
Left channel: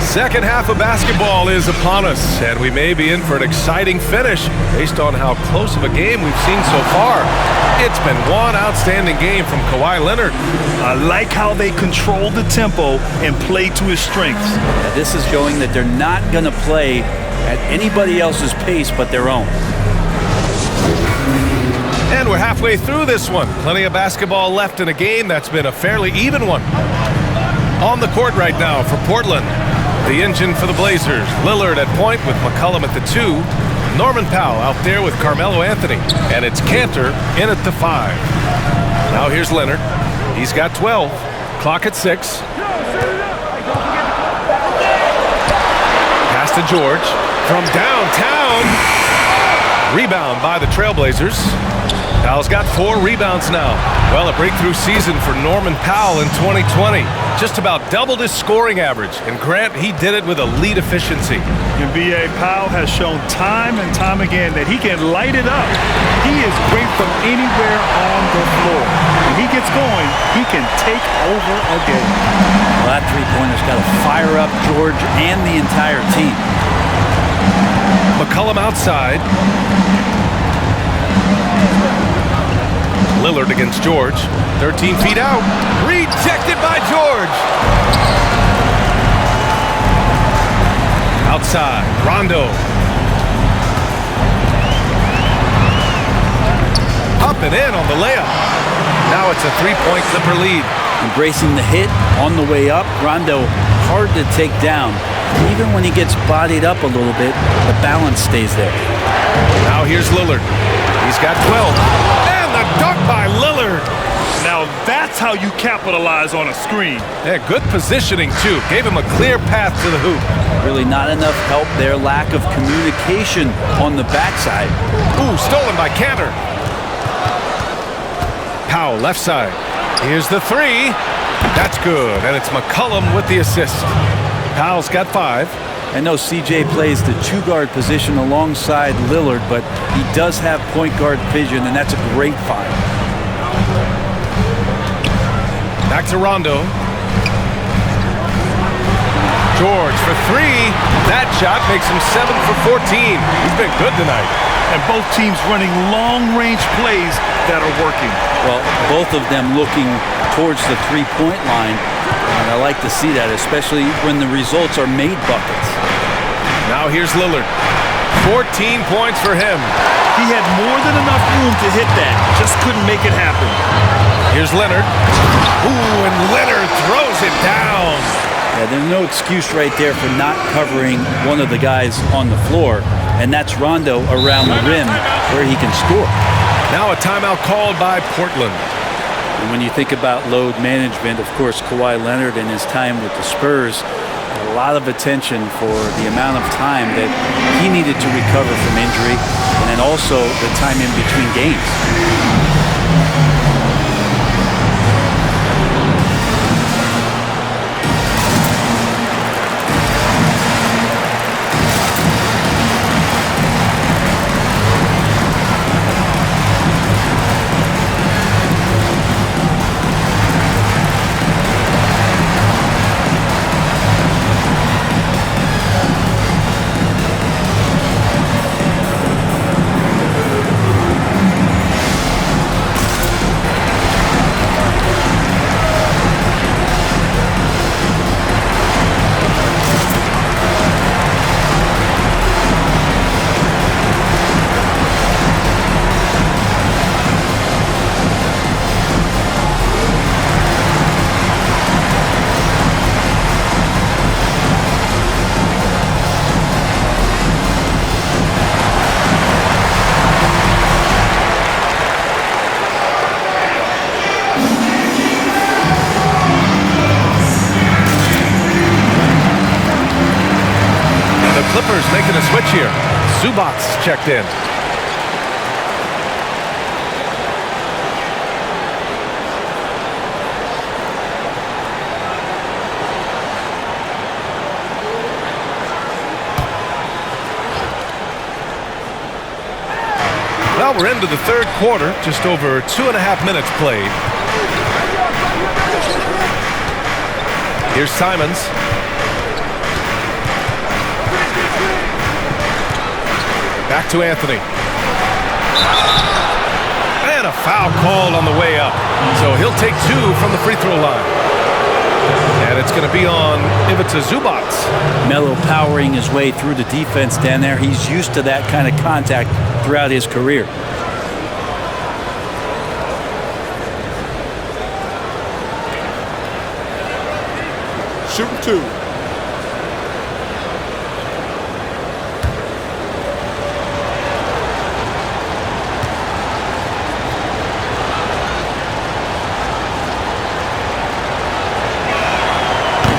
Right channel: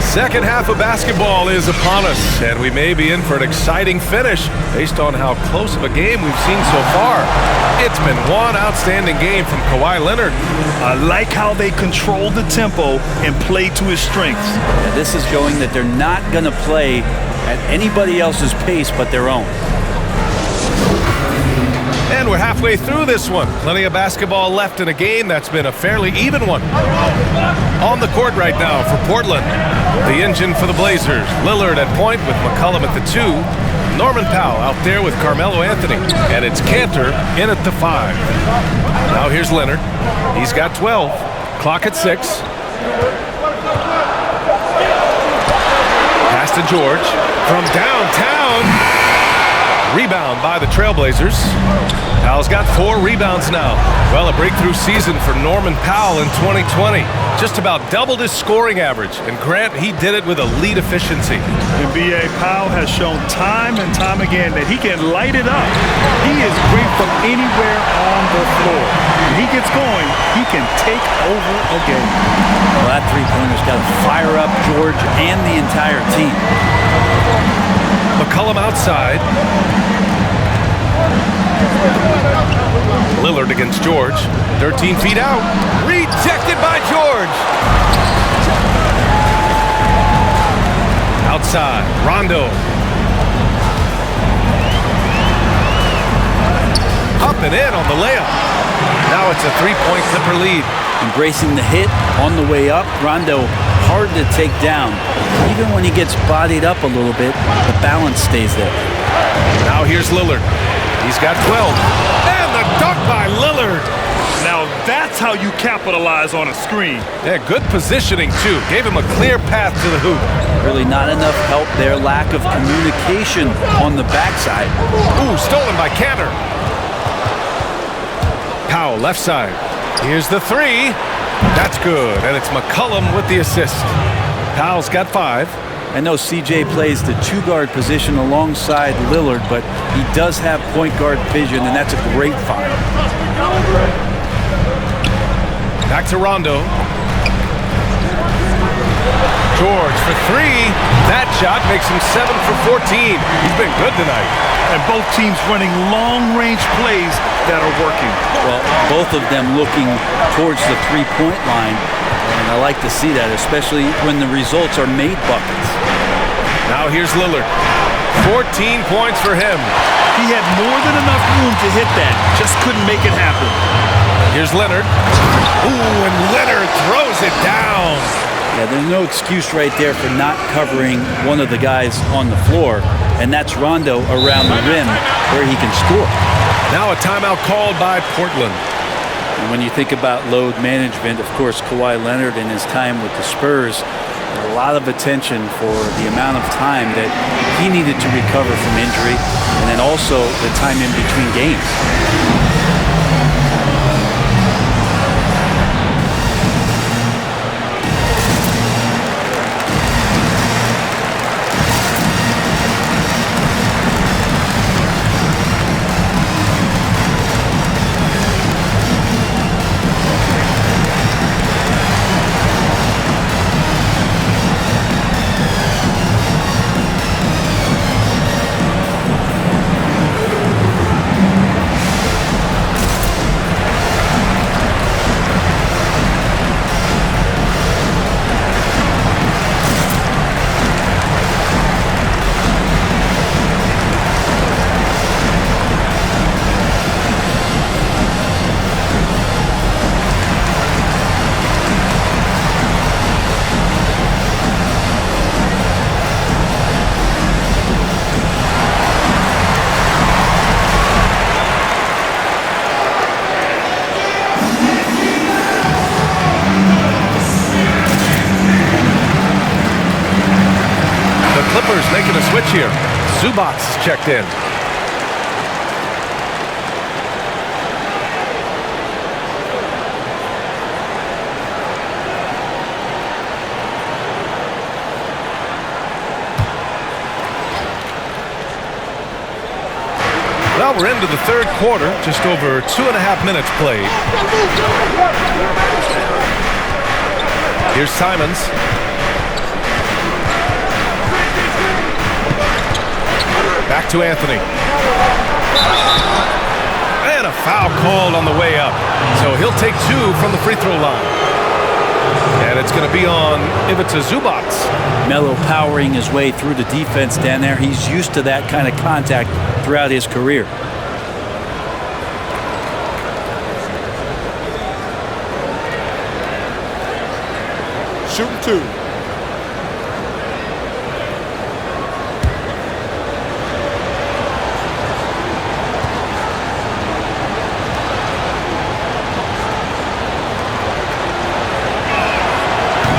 Second half of basketball is upon us, and we may be in for an exciting finish based on how close of a game we've seen so far. It's been one outstanding game from Kawhi Leonard. I like how they control the tempo and play to his strengths. Yeah, this is showing that they're not going to play at anybody else's pace but their own. And we're halfway through this one. Plenty of basketball left in a game that's been a fairly even one. On the court right now for Portland, the engine for the Blazers. Lillard at point with McCollum at the 2. Norman Powell out there with Carmelo Anthony. And it's Cantor in at the 5. Now here's Leonard. He's got 12. Clock at 6. Pass to George from downtown. Rebound by the Trailblazers. Powell's got 4 rebounds now. Well, a breakthrough season for Norman Powell in 2020. Just about doubled his scoring average. And Grant, he did it with elite efficiency. NBA Powell has shown time and time again that he can light it up. He is great from anywhere on the floor. When he gets going, he can take over a game. Well, that three-pointer's got to fire up George and the entire team. McCollum outside. Lillard against George. 13 feet out. Rejected by George. Outside. Rondo. Up and in on the layup. Now it's a 3-point Clipper lead. Embracing the hit on the way up. Rondo hard to take down. Even when he gets bodied up a little bit, the balance stays there. Now here's Lillard. He's got 12. And the dunk by Lillard. Now that's how you capitalize on a screen. Yeah, good positioning, too. Gave him a clear path to the hoop. Really not enough help there. Lack of communication on the backside. Ooh, stolen by Cantor. Powell, left side. Here's the 3. That's good, and it's McCollum with the assist. Powell's got 5. I know CJ plays the 2-guard position alongside Lillard, but he does have point guard vision, and that's a great find. Back to Rondo. George for 3. That shot makes him 7 for 14. He's been good tonight. And both teams running long-range plays that are working. Well, both of them looking towards the 3-point line, and I like to see that, especially when the results are made buckets. Now here's Lillard. 14 points for him. He had more than enough room to hit that, just couldn't make it happen. Here's Leonard. Ooh, and Leonard throws it down. Yeah, there's no excuse right there for not covering one of the guys on the floor, and that's Rondo around the rim where he can score. Now a timeout called by Portland. And when you think about load management, of course, Kawhi Leonard in his time with the Spurs, a lot of attention for the amount of time that he needed to recover from injury, and then also the time in between games. Clippers making a switch here. Zubac's checked in. Well, we're into the third quarter, just over 2.5 minutes played. Here's Simons. Back to Anthony. And a foul called on the way up. So he'll take 2 from the free throw line. And it's going to be on Ivica Zubac. Melo powering his way through the defense down there. He's used to that kind of contact throughout his career. Shooting 2.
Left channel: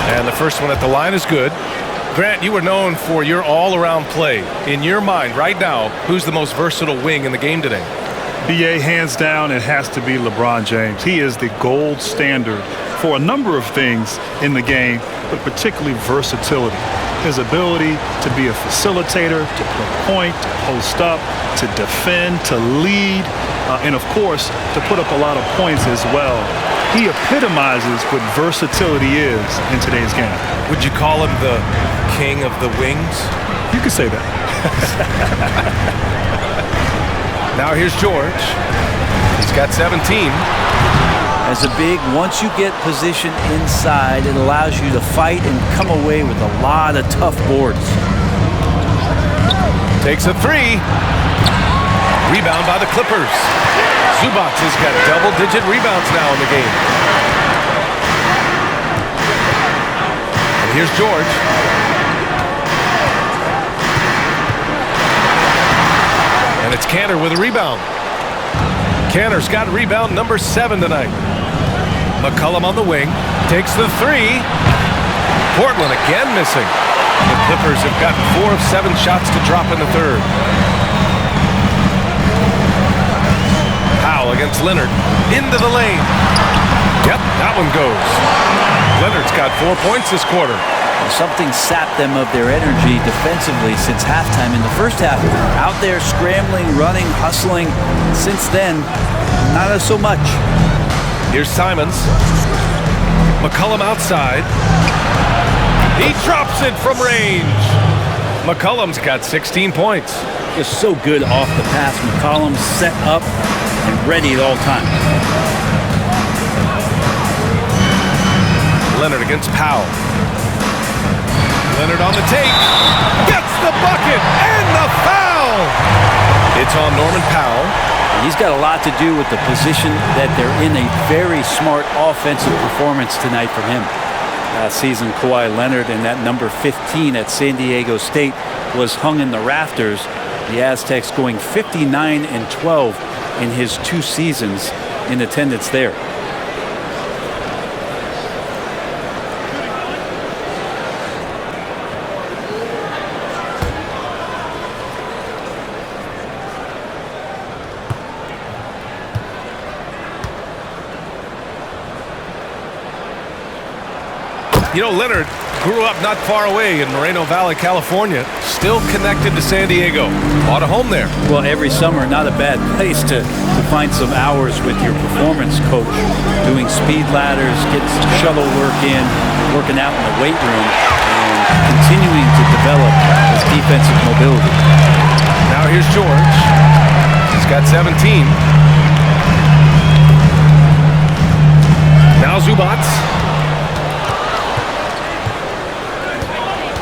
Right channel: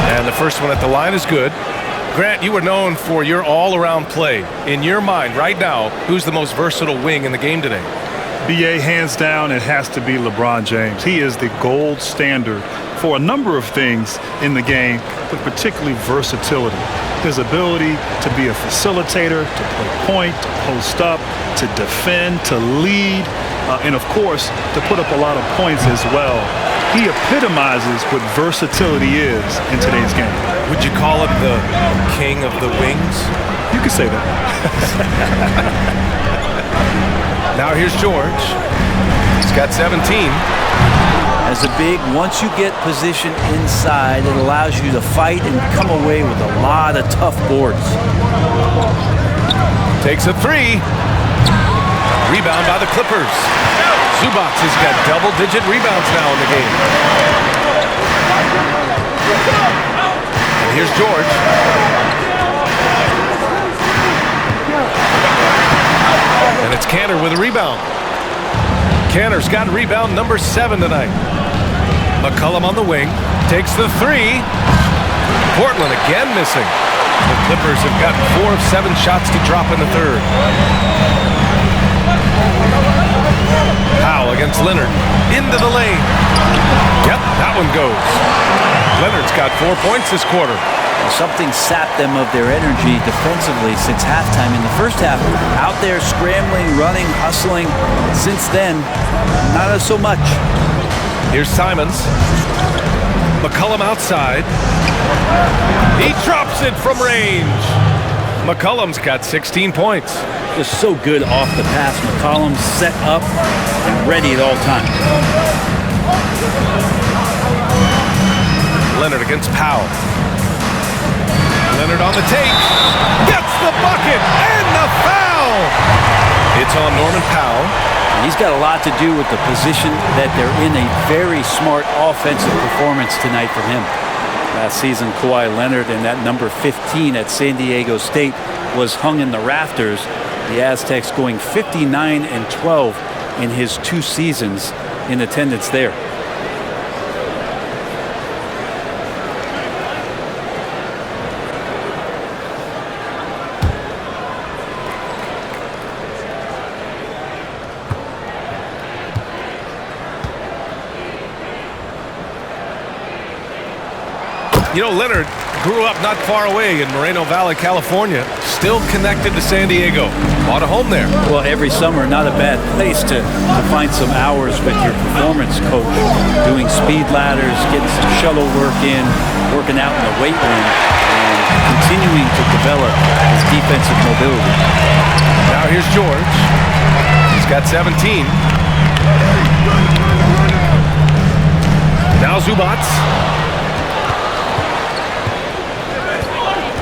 And the first one at the line is good. Grant, you were known for your all-around play. In your mind right now, who's the most versatile wing in the game today? BA, hands down, it has to be LeBron James. He is the gold standard for a number of things in the game, but particularly versatility. His ability to be a facilitator, to play point, to post up, to defend, to lead, and of course, to put up a lot of points as well. He epitomizes what versatility is in today's game. Would you call him the king of the wings? You could say that. Now here's George. He's got 17. As a big, once you get position inside, it allows you to fight and come away with a lot of tough boards. Takes a 3. Rebound by the Clippers. Zubats has got double-digit rebounds now in the game. And here's George. And it's Cantor with a rebound. Cantor's got rebound number 7 tonight. McCollum on the wing. Takes the 3. Portland again missing. The Clippers have gotten 4 of 7 shots to drop in the third. Powell against Leonard. Into the lane. Yep, that one goes. Leonard's got 4 points this quarter. Something sapped them of their energy defensively since halftime. In the first half, out there scrambling, running, hustling. Since then, not so much. Here's Simons. McCollum outside. He drops it from range. McCollum's got 16 points. Just so good off the pass. McCollum set up and ready at all times. Leonard against Powell. Leonard on the take. Gets the bucket and the foul. It's on Norman Powell. He's got a lot to do with the position that they're in. A very smart offensive performance tonight from him. Last season, Kawhi Leonard and that number 15 at San Diego State was hung in the rafters. The Aztecs going 59-12 in his 2 seasons in attendance there. You know, Leonard grew up not far away in Moreno Valley, California, still connected to San Diego. Bought a home there. Well, every summer, not a bad place to find some hours with your performance coach, doing speed ladders, getting some shuttle work in, working out in the weight room, and continuing to develop his defensive mobility. Now here's George. He's got 17. Now Zubats.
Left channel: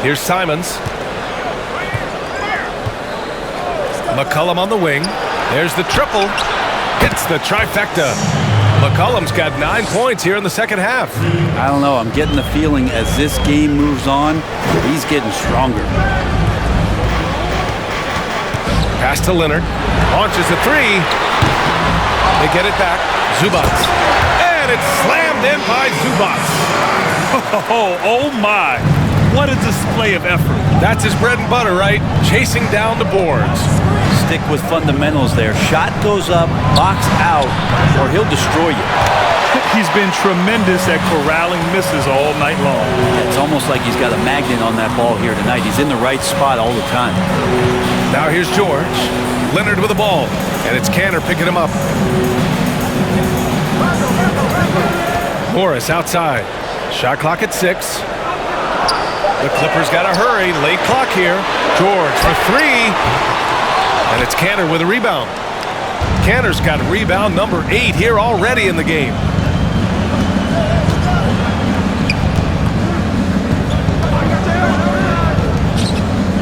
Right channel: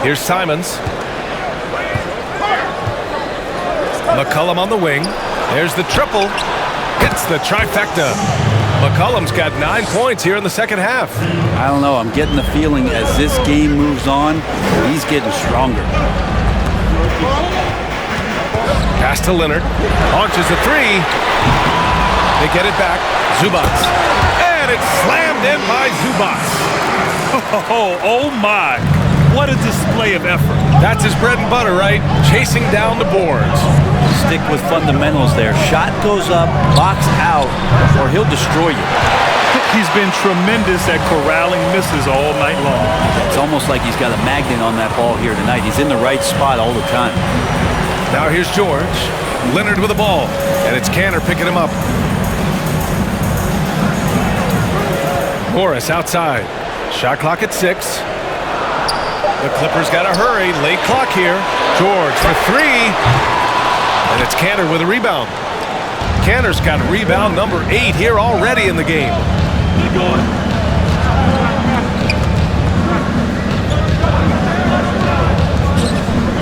Here's Simons. McCollum on the wing. There's the triple. Hits the trifecta. McCollum's got 9 points here in the second half. I don't know. I'm getting the feeling as this game moves on, he's getting stronger. Pass to Leonard. Launches a 3. They get it back. Zubats. And it's slammed in by Zubats. Oh my. What a display of effort. That's his bread and butter, right? Chasing down the boards. Stick with fundamentals there. Shot goes up, box out, or he'll destroy you. He's been tremendous at corralling misses all night long. It's almost like he's got a magnet on that ball here tonight. He's in the right spot all the time. Now here's George. Leonard with the ball, and it's Cantor picking him up. Morris outside. Shot clock at 6. The Clippers got to hurry. Late clock here. George for 3. And it's Cantor with a rebound. Cantor's got rebound number 8 here already in the game.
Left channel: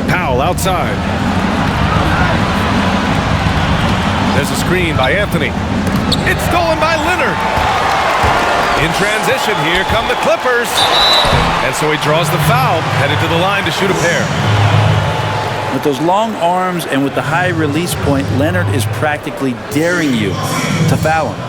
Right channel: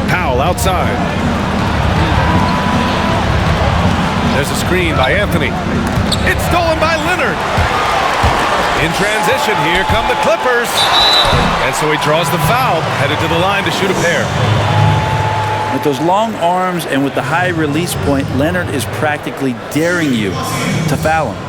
Powell outside. There's a screen by Anthony. It's stolen by Leonard. In transition, here come the Clippers. And so he draws the foul, headed to the line to shoot a pair. With those long arms and with the high release point, Leonard is practically daring you to foul him.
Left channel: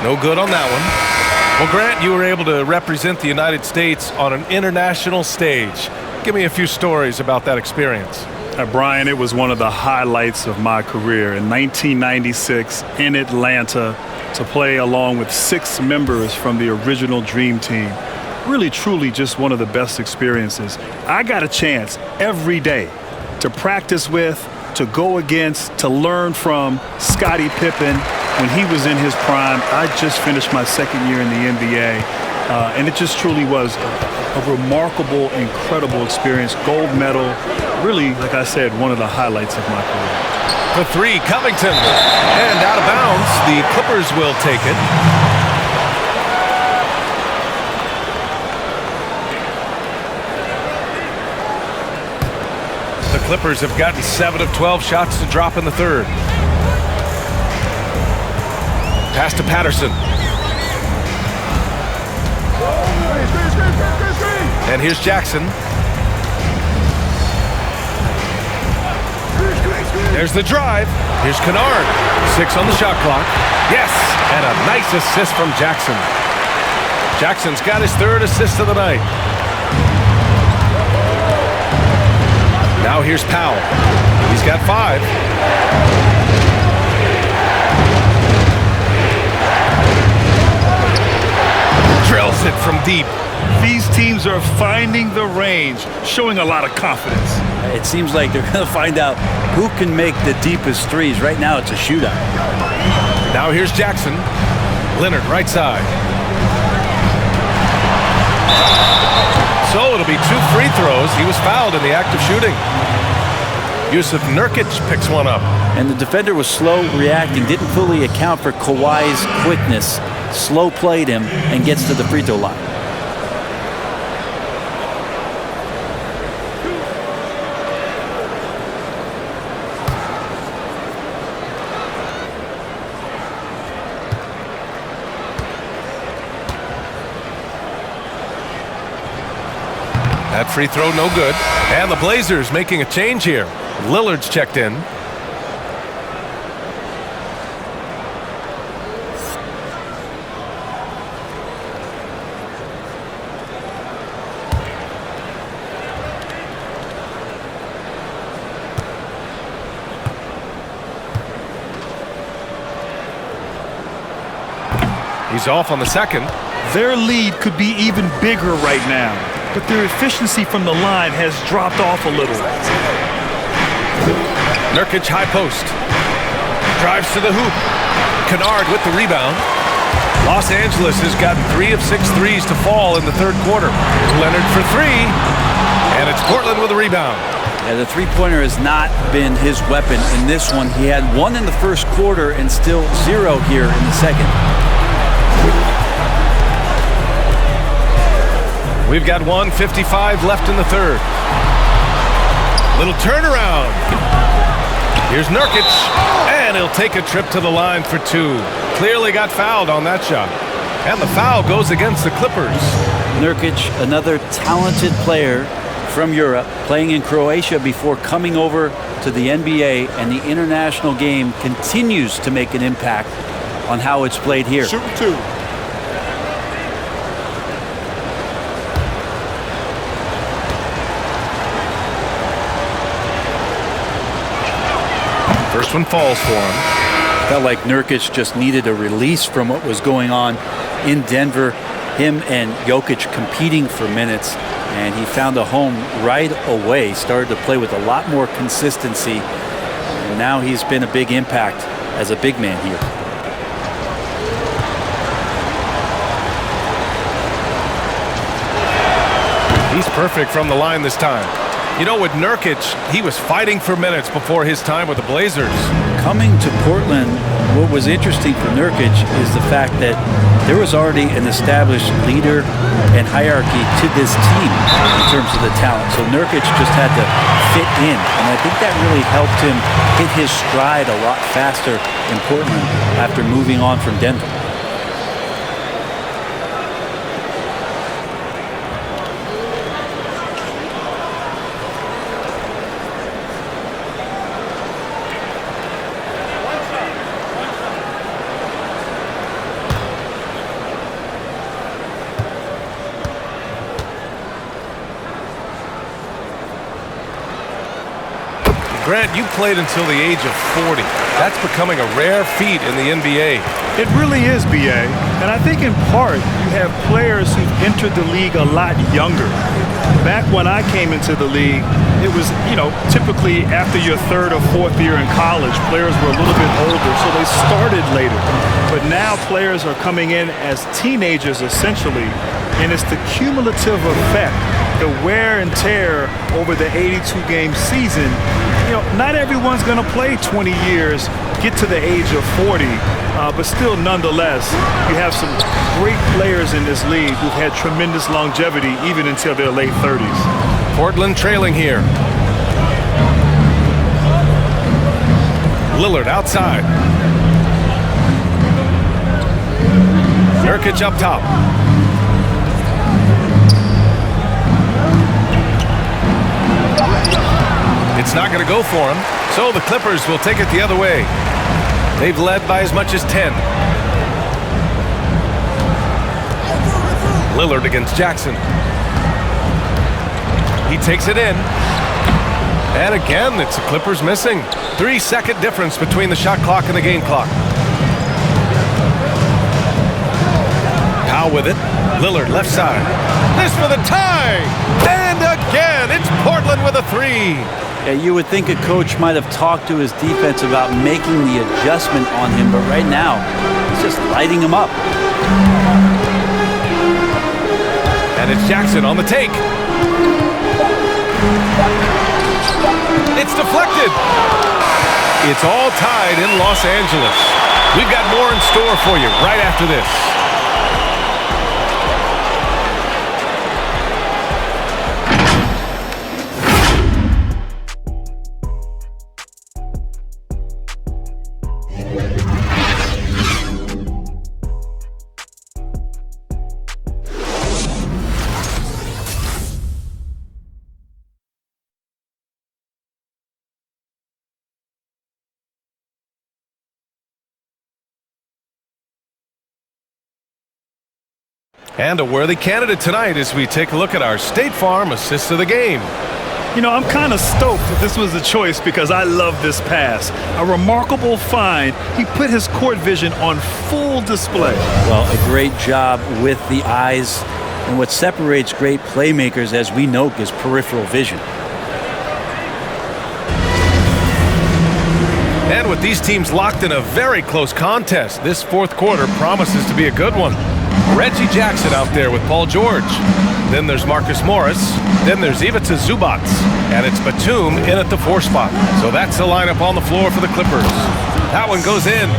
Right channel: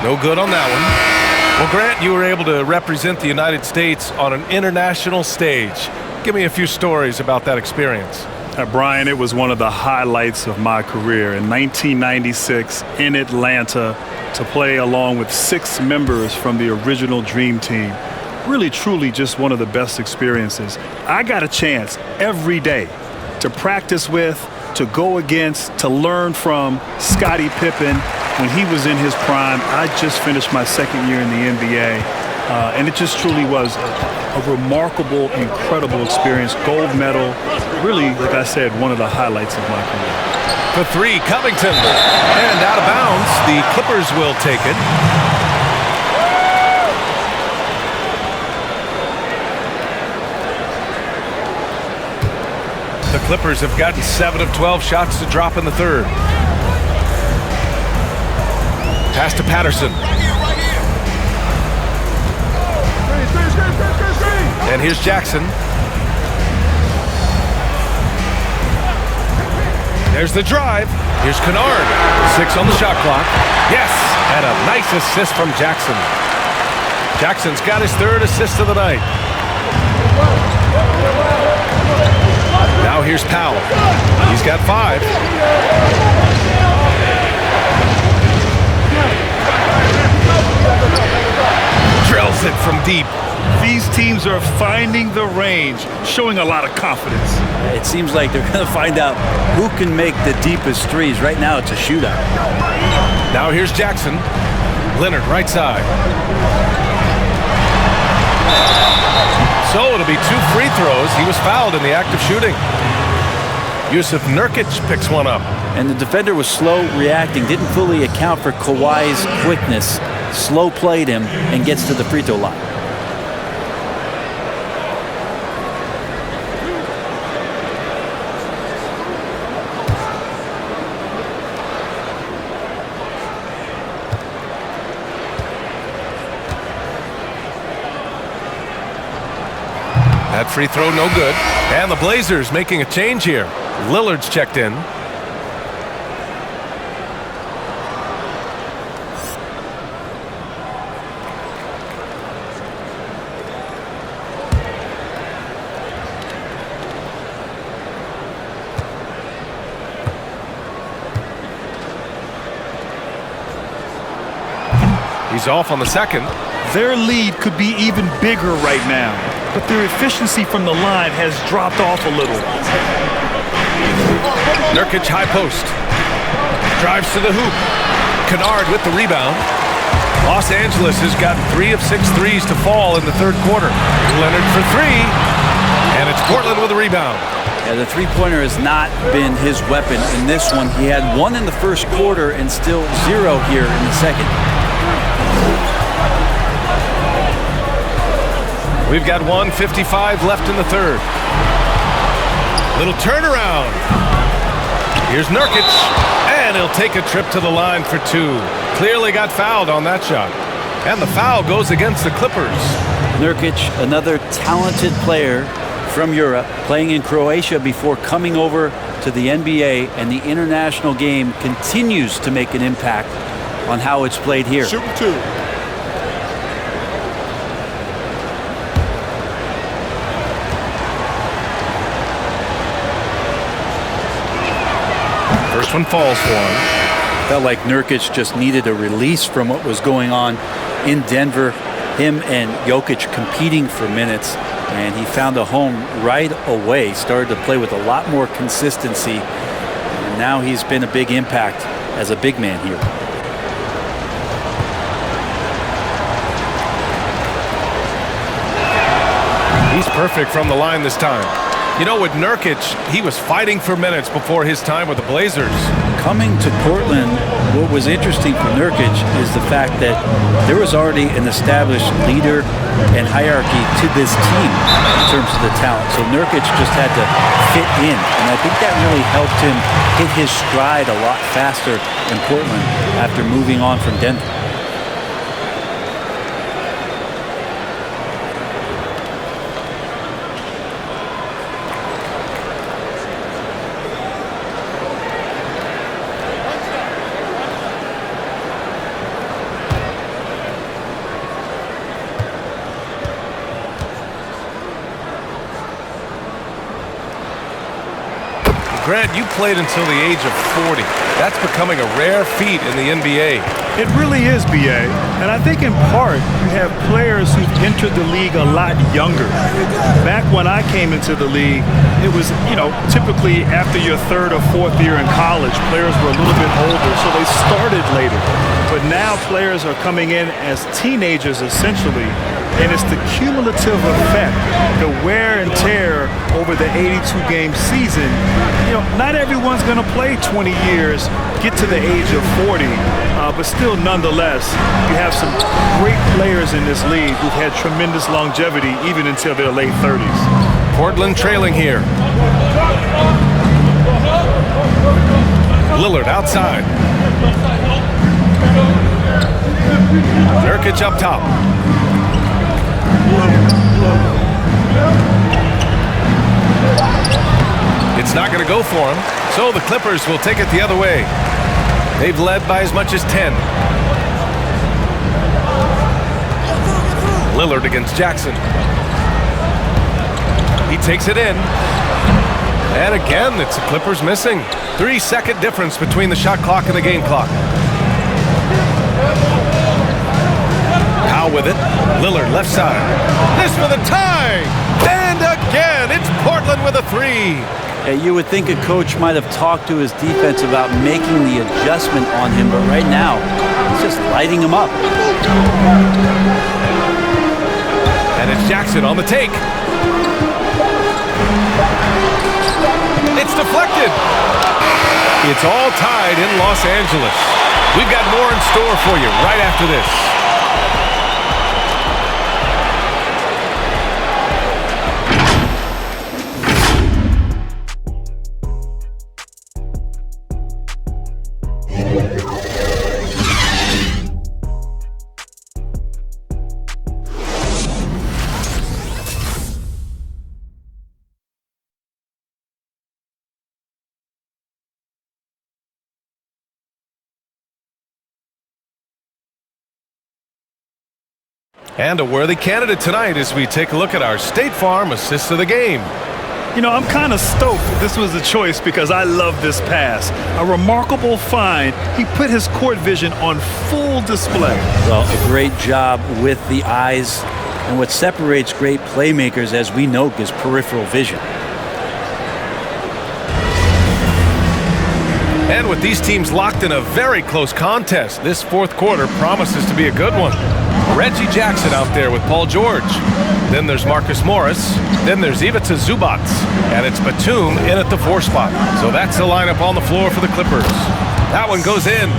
No good on that one. Well, Grant, you were able to represent the United States on an international stage. Give me a few stories about that experience. Brian, it was one of the highlights of my career. In 1996 in Atlanta, to play along with 6 members from the original Dream Team. Really, truly just one of the best experiences. I got a chance every day to practice with, to go against, to learn from Scottie Pippen when he was in his prime. I just finished my second year in the NBA. And it just truly was a remarkable, incredible experience. Gold medal, really, like I said, one of the highlights of my career. For three, Covington. And out of bounds, the Clippers will take it. The Clippers have gotten 7 of 12 shots to drop in the third. Pass to Patterson. And here's Jackson. There's the drive. Here's Kennard. 6 on the shot clock. Yes, and a nice assist from Jackson. Jackson's got his 3rd assist of the night. Now here's Powell. He's got 5. Drills it from deep. These teams are finding the range, showing a lot of confidence. It seems like they're going to find out who can make the deepest threes. Right now, it's a shootout. Now here's Jackson. Leonard, right side. So it'll be 2 free throws. He was fouled in the act of shooting. Yusuf Nurkic picks one up. And the defender was slow reacting, didn't fully account for Kawhi's quickness. Slow played him and gets to the free throw line. That free throw no good. And the Blazers making a change here. Lillard's checked in. He's off on the second. Their lead could be even bigger right now, but their efficiency from the line has dropped off a little. Nurkic high post. Drives to the hoop. Kennard with the rebound. Los Angeles has gotten 3 of 6 threes to fall in the third quarter. Leonard for 3. And it's Portland with a rebound. Yeah, the three-pointer has not been his weapon in this one. He had 1 in the first quarter and still 0 here in the second. We've got 1:55 left in the third. Little turnaround. Here's Nurkic, and he'll take a trip to the line for 2. Clearly got fouled on that shot. And the foul goes against the Clippers. Nurkic, another talented player from Europe, playing in Croatia before coming over to the NBA, and the international game continues to make an impact on how it's played here. Shooting 2. First one falls for him. Felt like Nurkic just needed a release from what was going on in Denver. Him and Jokic competing for minutes, and he found a home right away. Started to play with a lot more consistency, and now he's been a big impact as a big man here. He's perfect from the line this time. You know, with Nurkic, he was fighting for minutes before his time with the Blazers. Coming to Portland, what was interesting for Nurkic is the fact that there was already an established leader and hierarchy to this team in terms of the talent. So Nurkic just had to fit in, and I think that really helped him hit his stride a lot faster in Portland after moving on from Denver. Grant, you played until the age of 40. That's becoming a rare feat in the NBA. It really is, B.A. And I think in part you have players who've entered the league a lot younger. Back when I came into the league, it was, typically after your 3rd or 4th year in college, players were a little bit older, so they started later. But now players are coming in as teenagers, essentially, And it's the cumulative effect, the wear and tear over the 82-game season. You know, not everyone's going to play 20 years, get to the age of 40, but still, nonetheless, you have some great players in this league who've had tremendous longevity even until their late 30s. Portland trailing here. Lillard outside. Nurkic up top. It's not going to go for him, so the Clippers will take it the other way. They've led by as much as 10. Lillard against Jackson. He takes it in. And again, it's the Clippers missing. 3-second difference between the shot clock and the game clock. Powell with it. Lillard left side. This for the tie! And again, it's Portland with a three. Yeah, you would think a coach might have talked to his defense about making the adjustment on him, but right now, he's just lighting him up. And it's Jackson on the take. It's deflected. It's all tied in Los Angeles. We've got more in store for you right after this. And a worthy candidate tonight as we take a look at our State Farm assist of the game. You know, I'm kind of stoked that this was a choice because I love this pass. A remarkable find. He put his court vision on full display. Well, a great job with the eyes. And what separates great playmakers, as we know, is peripheral vision. And with these teams locked in a very close contest, this fourth quarter promises to be a good one. Reggie Jackson out there with Paul George. Then there's Marcus Morris. Then there's Ivica Zubac. And it's Batum in at the 4 spot. So that's the lineup on the floor for the Clippers. That one goes in.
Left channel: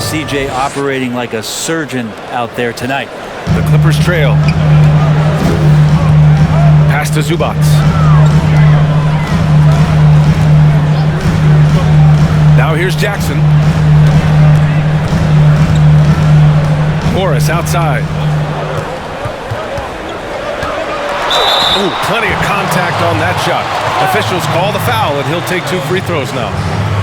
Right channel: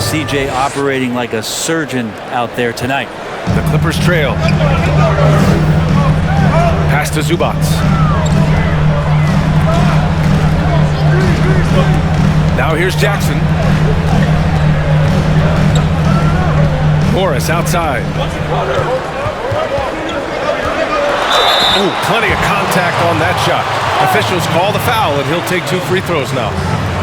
CJ operating like a surgeon out there tonight. The Clippers trail. Pass to Zubac. Now here's Jackson. Morris outside. Ooh, plenty of contact on that shot. Officials call the foul, and he'll take 2 free throws now.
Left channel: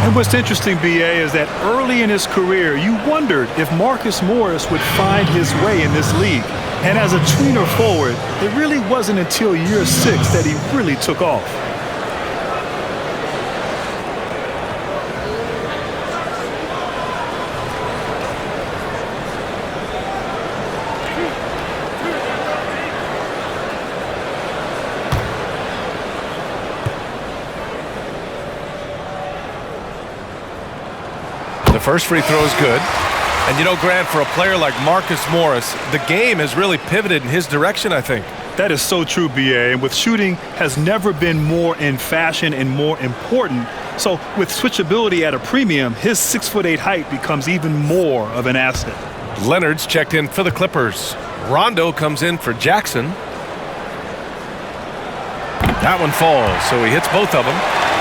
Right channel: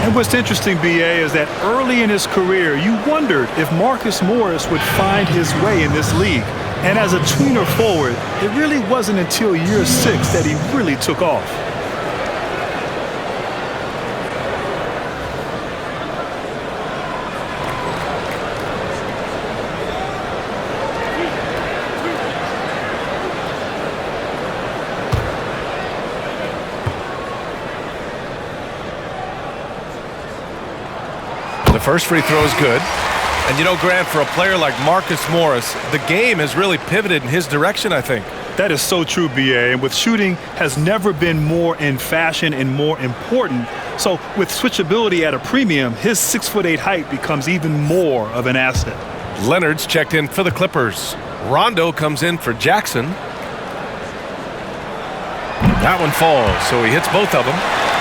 And what's interesting, B.A., is that early in his career, you wondered if Marcus Morris would find his way in this league. And as a tweener forward, it really wasn't until year 6 that he really took off. The first free throw is good. And you know, Grant, for a player like Marcus Morris, the game has really pivoted in his direction, I think. That is so true, B.A., and with shooting has never been more in fashion and more important. So with switchability at a premium, his 6'8" height becomes even more of an asset. Leonard's checked in for the Clippers. Rondo comes in for Jackson. That one falls, so he hits both of them.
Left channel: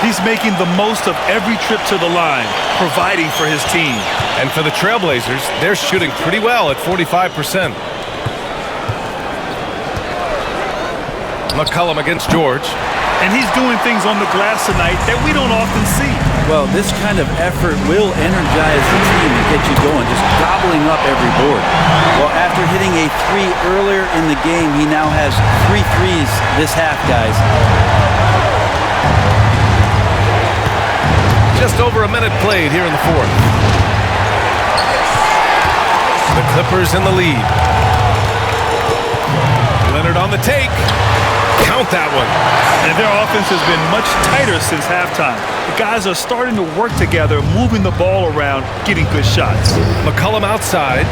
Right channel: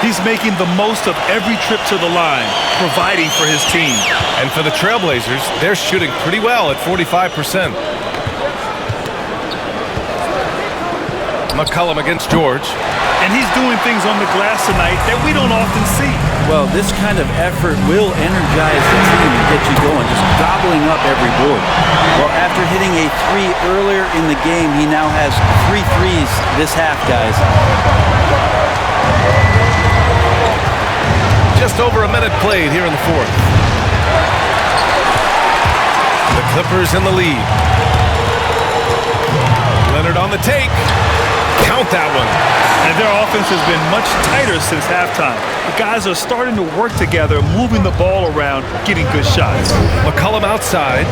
He's making the most of every trip to the line, providing for his team. And for the Trailblazers, they're shooting pretty well at 45%. McCollum against George. And he's doing things on the glass tonight that we don't often see. Well, this kind of effort will energize the team and get you going, just gobbling up every board. Well, after hitting a 3 earlier in the game, he now has 3 threes this half, guys. Just over a minute played here in the fourth. The Clippers in the lead. Leonard on the take. Count that one. And their offense has been much tighter since halftime. The guys are starting to work together, moving the ball around, getting good shots. McCollum outside.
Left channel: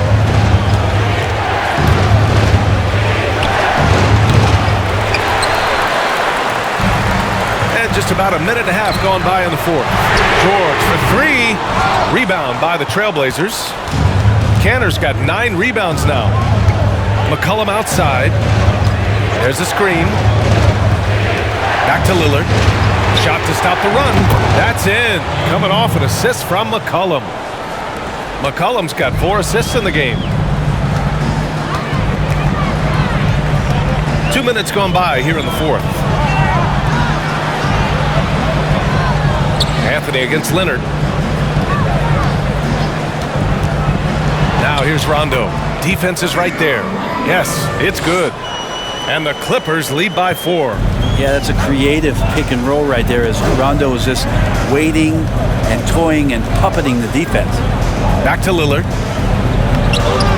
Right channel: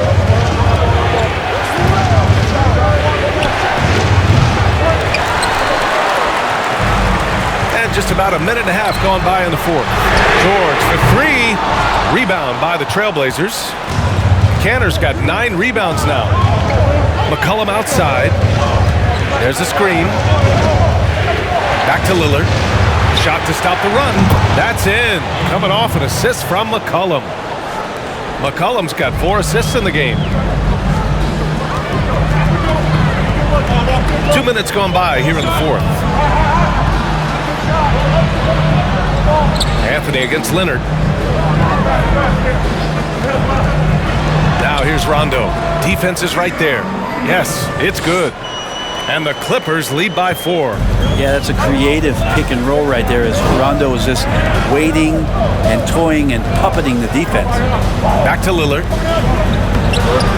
And just about a minute and a half gone by in the fourth. George for three. Rebound by the Trailblazers. Cantor's got 9 rebounds now. McCollum outside. There's a screen. Back to Lillard. Shot to stop the run. That's in. Coming off an assist from McCollum. McCollum's got 4 assists in the game. 2 minutes gone by here in the fourth. Anthony against Leonard. Now here's Rondo. Defense is right there. Yes, it's good. And the Clippers lead by 4. Yeah, that's a creative pick and roll right there as Rondo is just waiting and toying and puppeting the defense. Back to Lillard.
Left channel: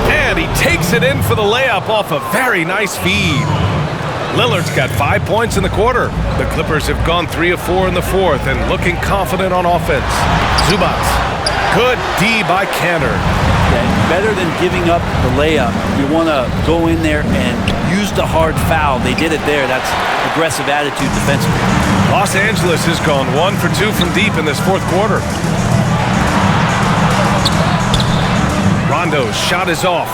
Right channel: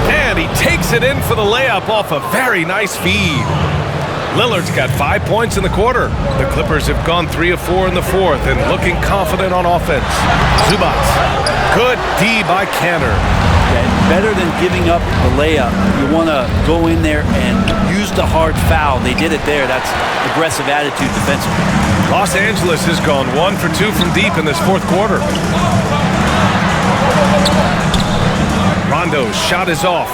And he takes it in for the layup off a very nice feed. Lillard's got 5 points in the quarter. The Clippers have gone 3 of 4 in the fourth and looking confident on offense. Zubac. Good D by Cantor. Yeah, better than giving up the layup. You want to go in there and use the hard foul. They did it there. That's aggressive attitude defensively. Los Angeles has gone 1 for 2 from deep in this fourth quarter. Rondo's shot is off.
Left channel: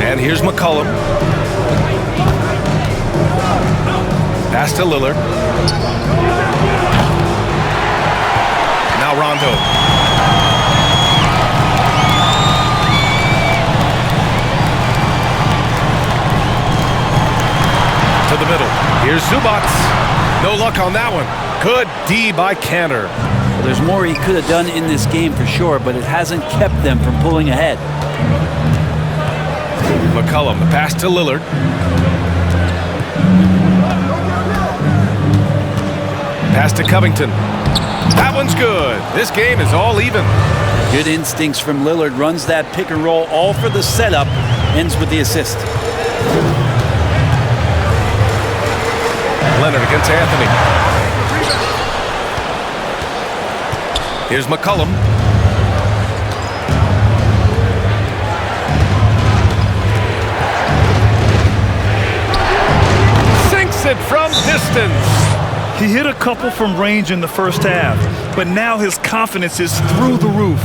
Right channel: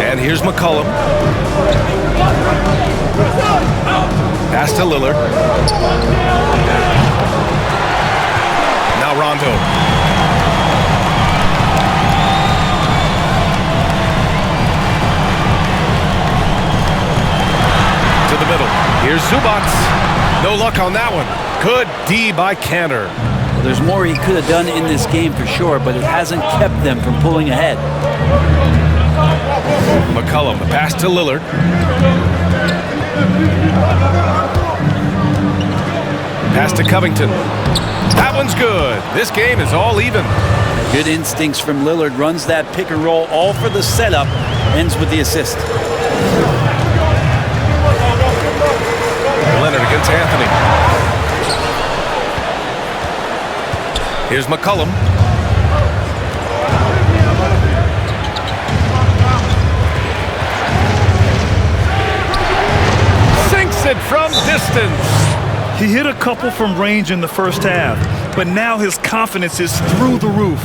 And here's McCollum. Pass to Lillard. Now Rondo. To the middle. Here's Zubac. No luck on that one. Good D by Cantor. Well, there's more he could have done in this game for sure, but it hasn't kept them from pulling ahead. McCollum, the pass to Lillard. Pass to Covington. That one's good. This game is all even. Good instincts from Lillard. Runs that pick and roll all for the setup. Ends with the assist. Leonard against Anthony. Here's McCollum. Sinks it from distance. He hit a couple from range in the first half, but now his confidence is through the roof.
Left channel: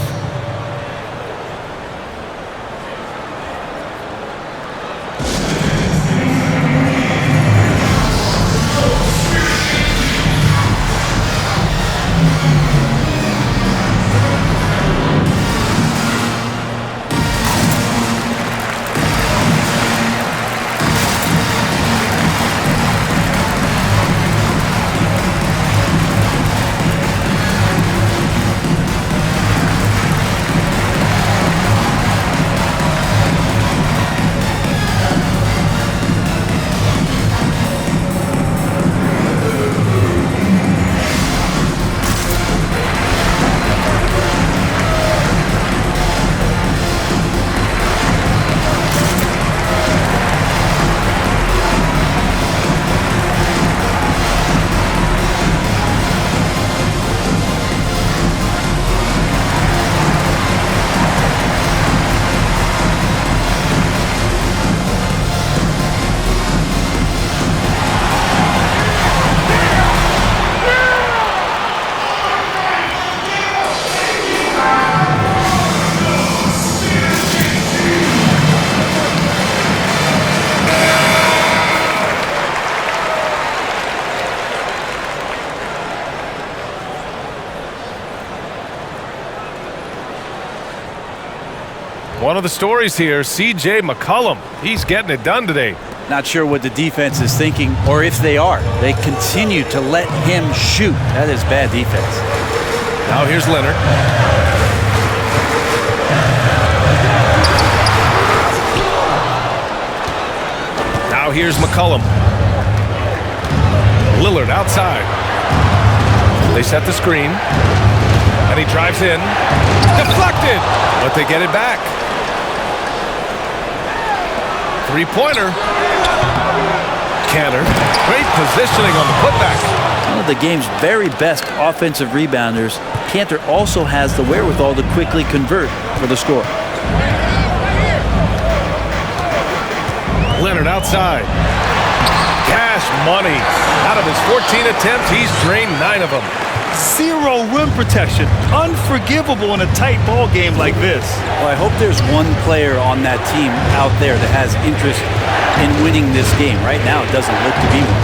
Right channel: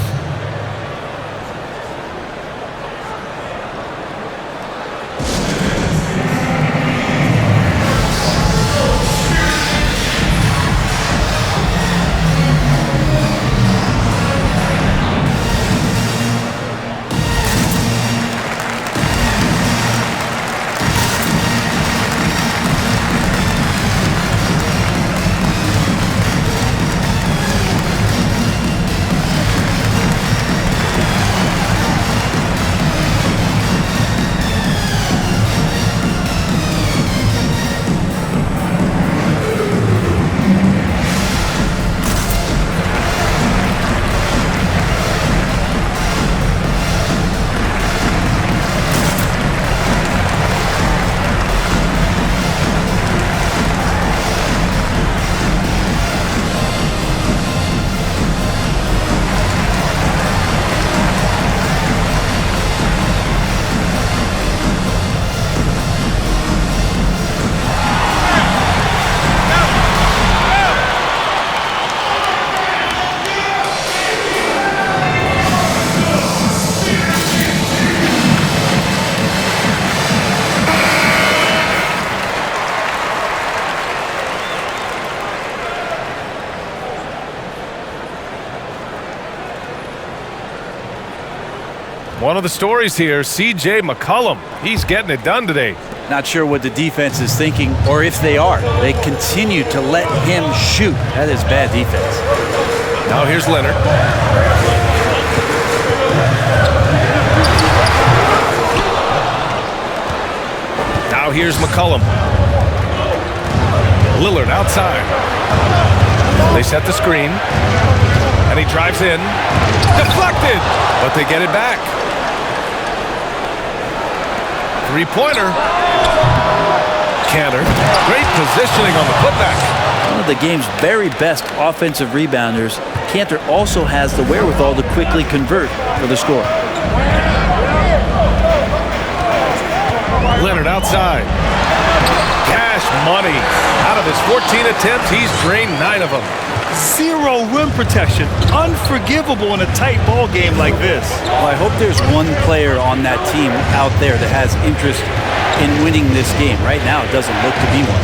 One of the stories here, C.J. McCollum. He's getting it done today. Not sure what the defense is thinking, or if they are. They continue to let him shoot. That is bad defense. Now here's Leonard. Now here's McCollum. Lillard outside. They set the screen. And he drives in. Deflected! But they get it back. Three-pointer. Cantor. Great positioning on the putback. One of the game's very best offensive rebounders, Cantor also has the wherewithal to quickly convert for the score. Leonard outside. Cash money. Out of his 14 attempts, he's drained 9 of them. Zero rim protection. Unforgivable in a tight ball game like this. Well, I hope there's one player on that team out there that has interest in winning this game. Right now, it doesn't look to be one.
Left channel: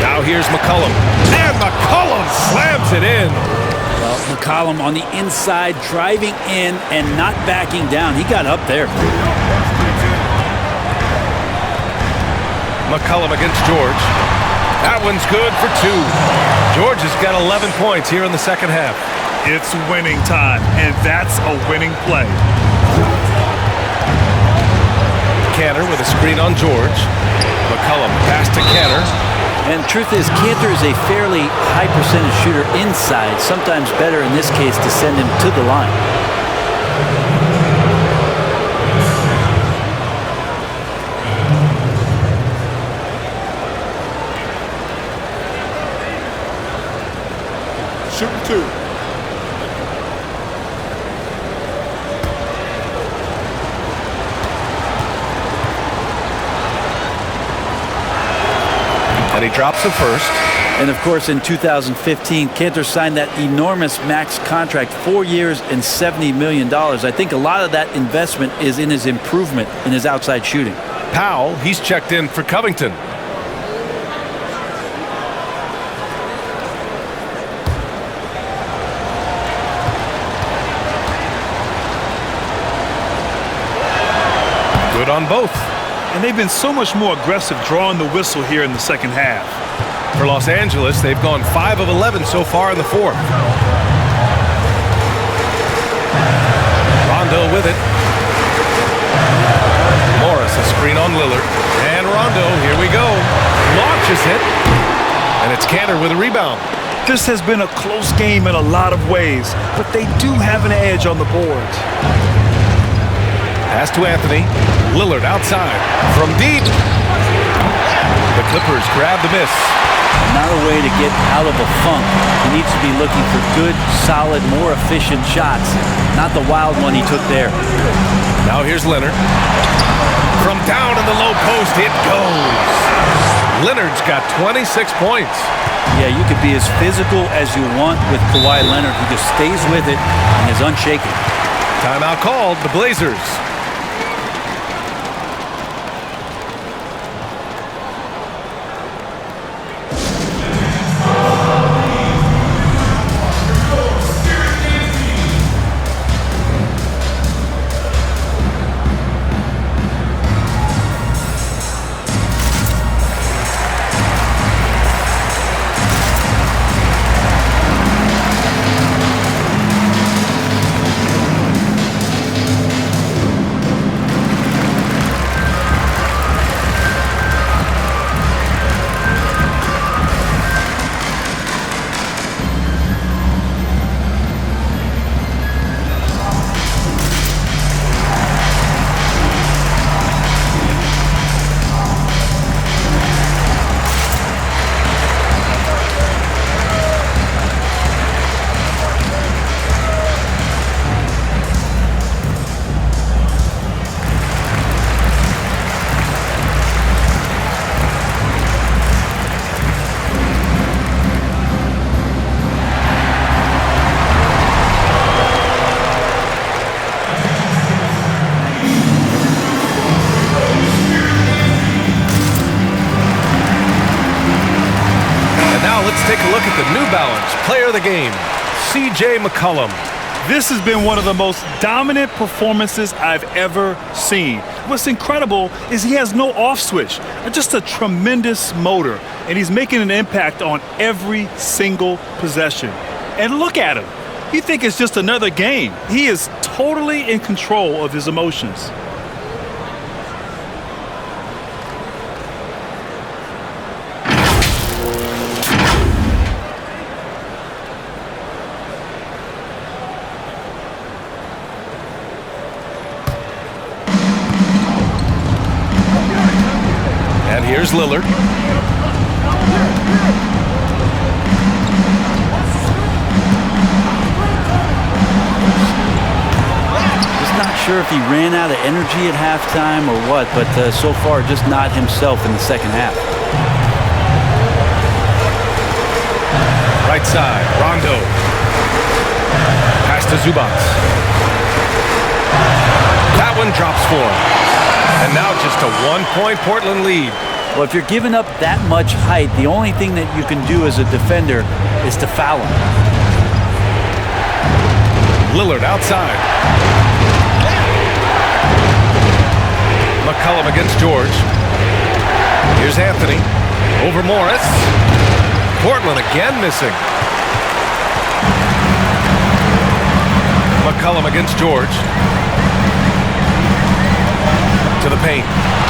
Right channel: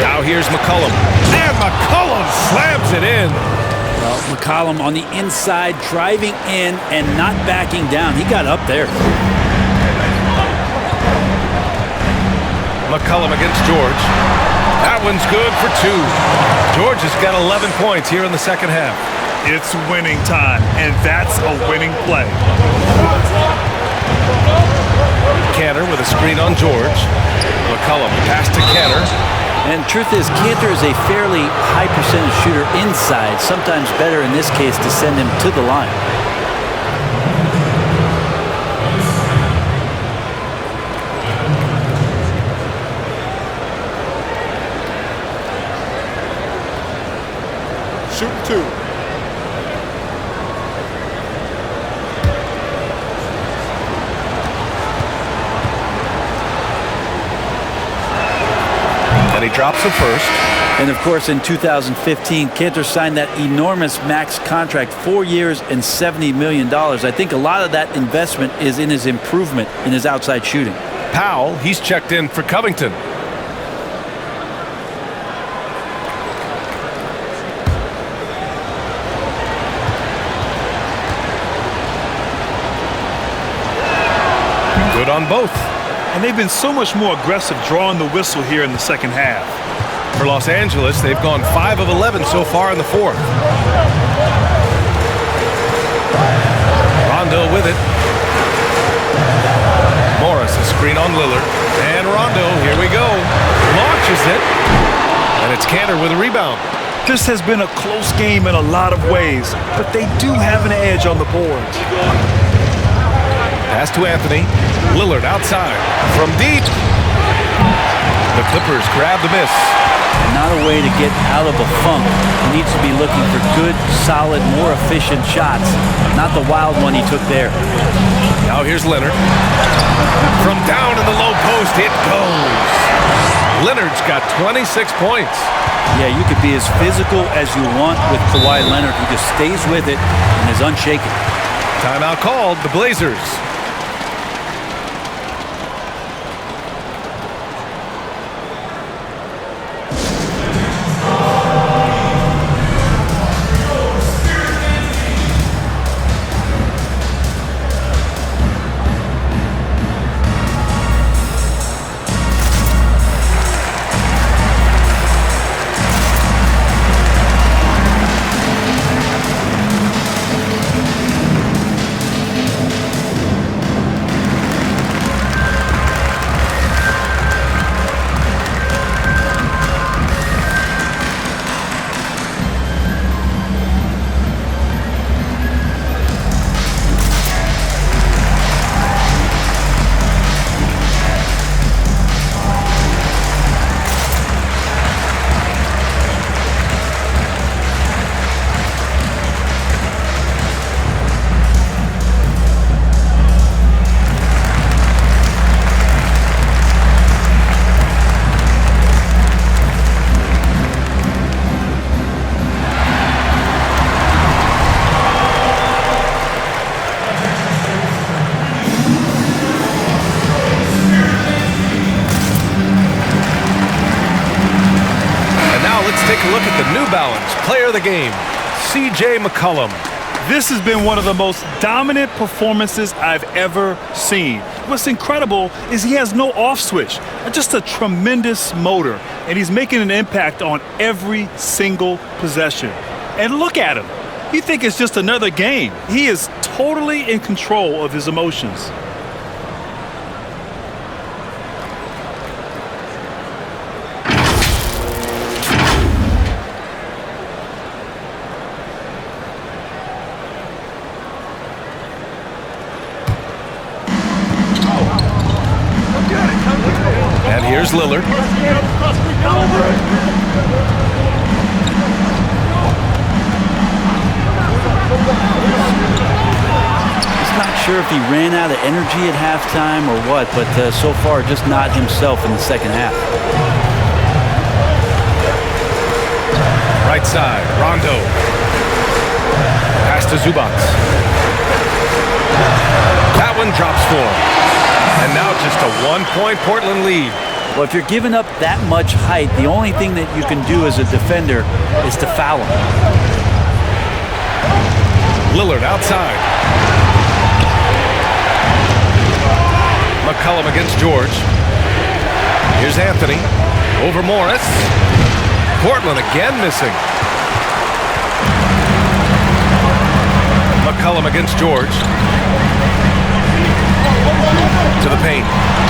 Now here's McCollum. And McCollum slams it in. Well, McCollum on the inside, driving in and not backing down. He got up there. McCollum against George. That one's good for 2. George has got 11 points here in the second half. It's winning time, and that's a winning play. Cantor with a screen on George. McCollum pass to Cantor. And truth is, Cantor is a fairly high percentage shooter inside, sometimes better in this case to send him to the line. Shooting 2. And he drops the first. And of course, in 2015, Cantor signed that enormous max contract, 4 years and $70 million. I think a lot of that investment is in his improvement in his outside shooting. Powell, he's checked in for Covington. Good on both. And they've been so much more aggressive drawing the whistle here in the second half. For Los Angeles, they've gone 5 of 11 so far in the fourth. Rondo with it. Morris a screen on Lillard. And Rondo, here we go. Launches it. And it's Cantor with a rebound. This has been a close game in a lot of ways, but they do have an edge on the boards. Pass to Anthony. Lillard outside. From deep. The Clippers grab the miss. Not a way to get out of a funk. He needs to be looking for good, solid, more efficient shots. Not the wild one he took there. Now here's Leonard. From down in the low post, it goes. Leonard's got 26 points. Yeah, you could be as physical as you want with Kawhi Leonard. He just stays with it and is unshaken. Timeout called, the Blazers. Let's take a look at the New Balance Player of the Game, C.J. McCollum. This has been one of the most dominant performances I've ever seen. What's incredible is he has no off switch, just a tremendous motor, and he's making an impact on every single possession. And look at him. You think it's just another game. He is totally in control of his emotions. And here's Lillard. Just not sure if he ran out of energy at halftime or what, but so far just not himself in the second half. right side. Rondo. Pass to Zubac. That one drops for him. And now just a 1-point Portland lead. Well, if you're giving up that much height, the only thing that you can do as a defender is to foul him. Lillard outside. McCollum against George. Here's Anthony. Over Morris. Portland again missing. McCollum against George. To the paint.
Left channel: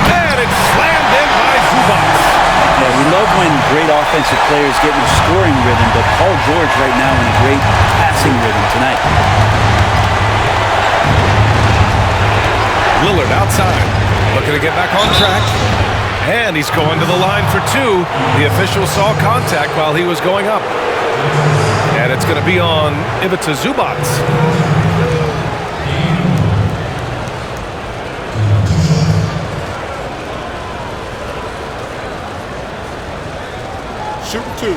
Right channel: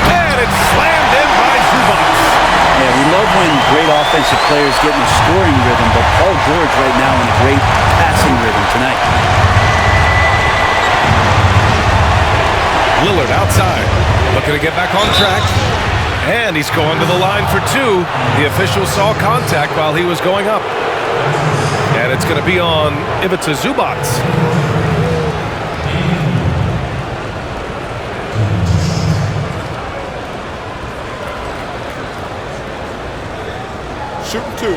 And it's slammed in by Zubac. Yeah, we love when great offensive players get in a scoring rhythm, but Paul George right now in a great passing rhythm tonight. Lillard outside. Looking to get back on track. And he's going to the line for two. The official saw contact while he was going up. And it's going to be on Ivica Zubac. Shooting two.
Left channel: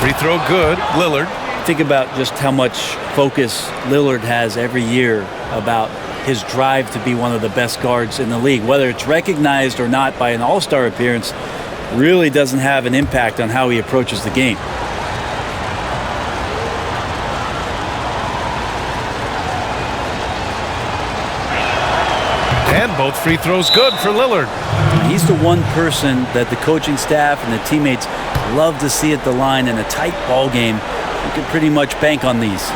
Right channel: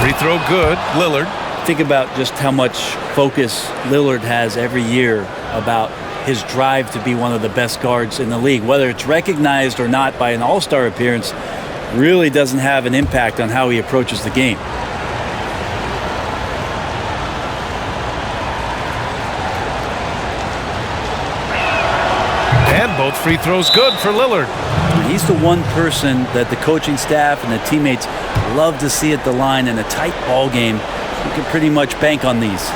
Free throw good. Lillard. Think about just how much focus Lillard has every year about his drive to be one of the best guards in the league. Whether it's recognized or not by an all-star appearance really doesn't have an impact on how he approaches the game. And both free throws good for Lillard. He's the one person that the coaching staff and the teammates love to see at the line in a tight ball game. You can pretty much bank on these.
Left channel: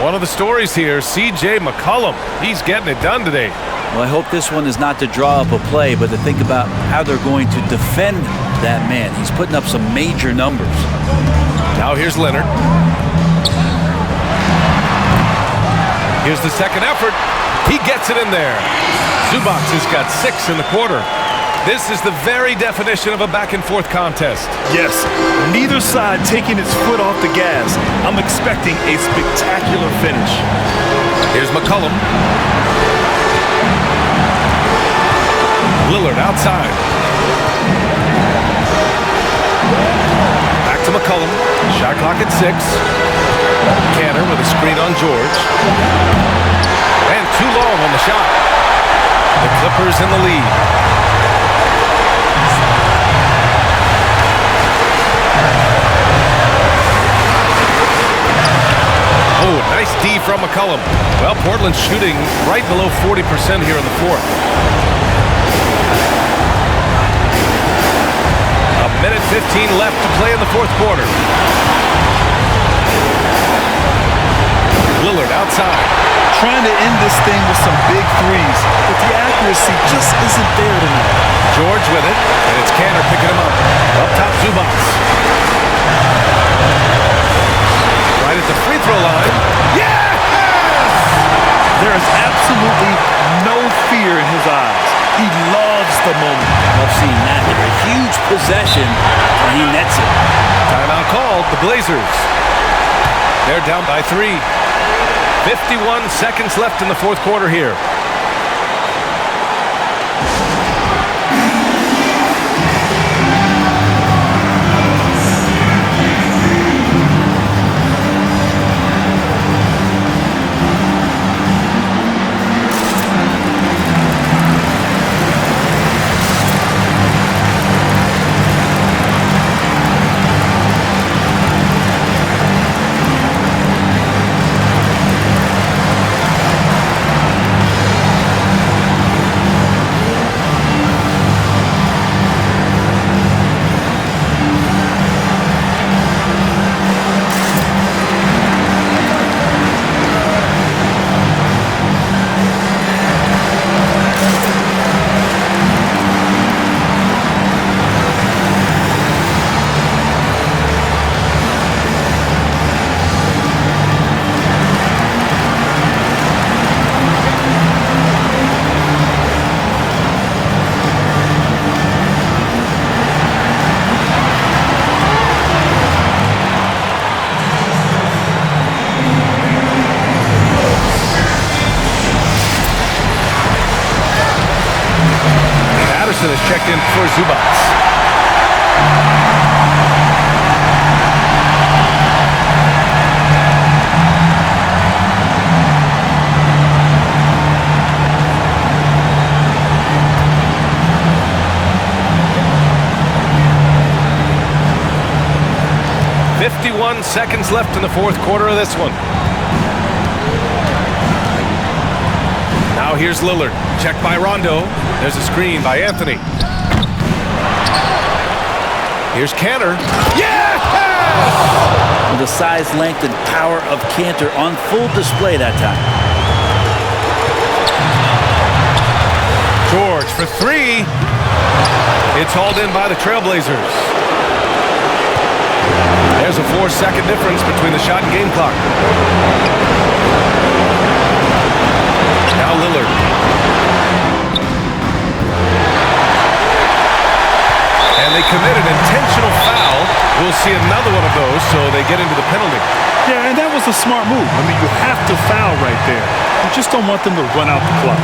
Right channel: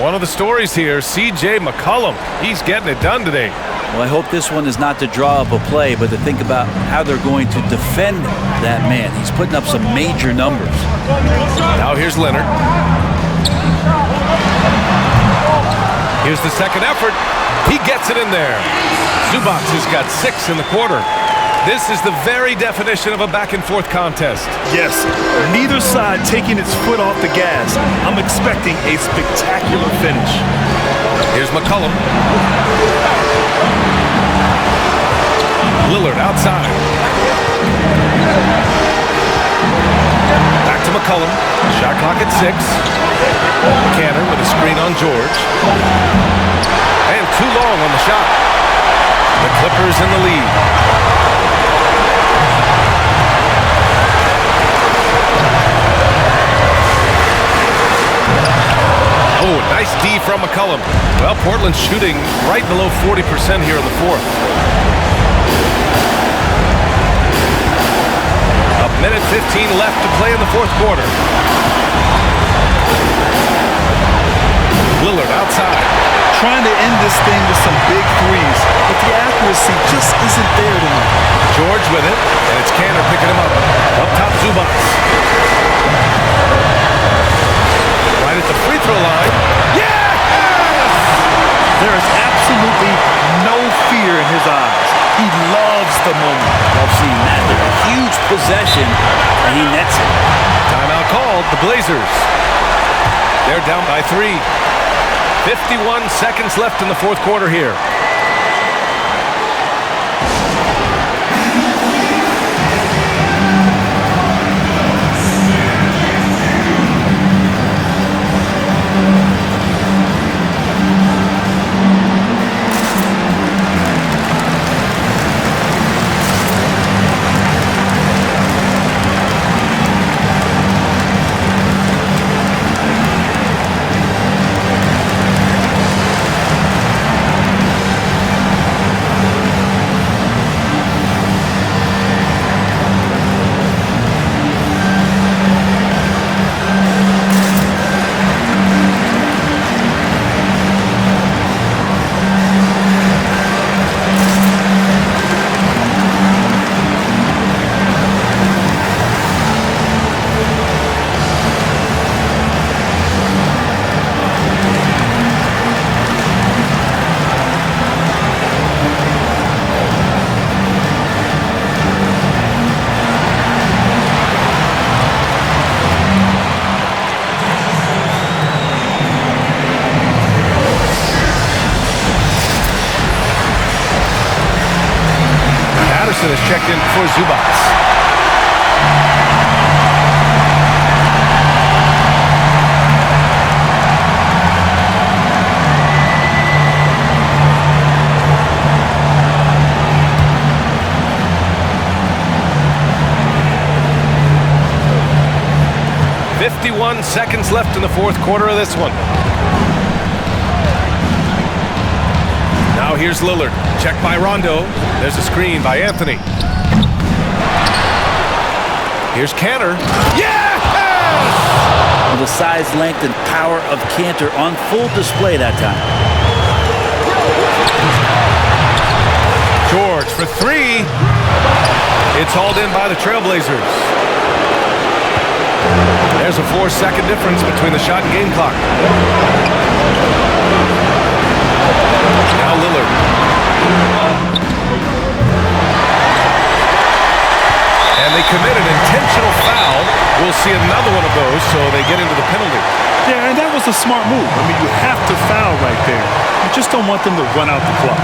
One of the stories here, C.J. McCollum. He's getting it done today. Well, I hope this one is not to draw up a play, but to think about how they're going to defend that man. He's putting up some major numbers. Now here's Leonard. Here's the second effort. He gets it in there. Zubac has got 6 in the quarter. This is the very definition of a back-and-forth contest. Yes, neither side taking its foot off the gas. I'm expecting a spectacular finish. Here's McCollum. Lillard outside. Back to McCollum. Shot clock at 6. Canner with a screen on George. And too long on the shot. The Clippers in the lead. Oh, nice D from McCollum. Well, Portland's shooting right below 40% here in the fourth. A minute 15 left to play in the fourth quarter. Lillard outside. Trying to end this thing with some big threes, but the accuracy just isn't there tonight. George with it, and it's Canner picking him up. Up top, Zubac. Right at the free throw line. Yes! There is absolutely no fear in his eyes. He loves the moment. Love seeing that there. A huge possession, and he nets it. Timeout called, the Blazers. They're down by 3. 51 seconds left in the fourth quarter here. Is checked in for Zubats. "51 seconds left in the fourth quarter of this one. Now here's Lillard. Checked by Rondo. There's a screen by Anthony. Here's Cantor. Yes! Well, the size, length, and power of Cantor on full display that time. George for 3. It's hauled in by the Trailblazers. There's a 4-second difference between the shot and game clock. Now Lillard. And they commit an intentional foul. We'll see another one of those, so they get into the penalty. Yeah, and that was a smart move. I mean, you have to foul right there. You just don't want them to run out the clock.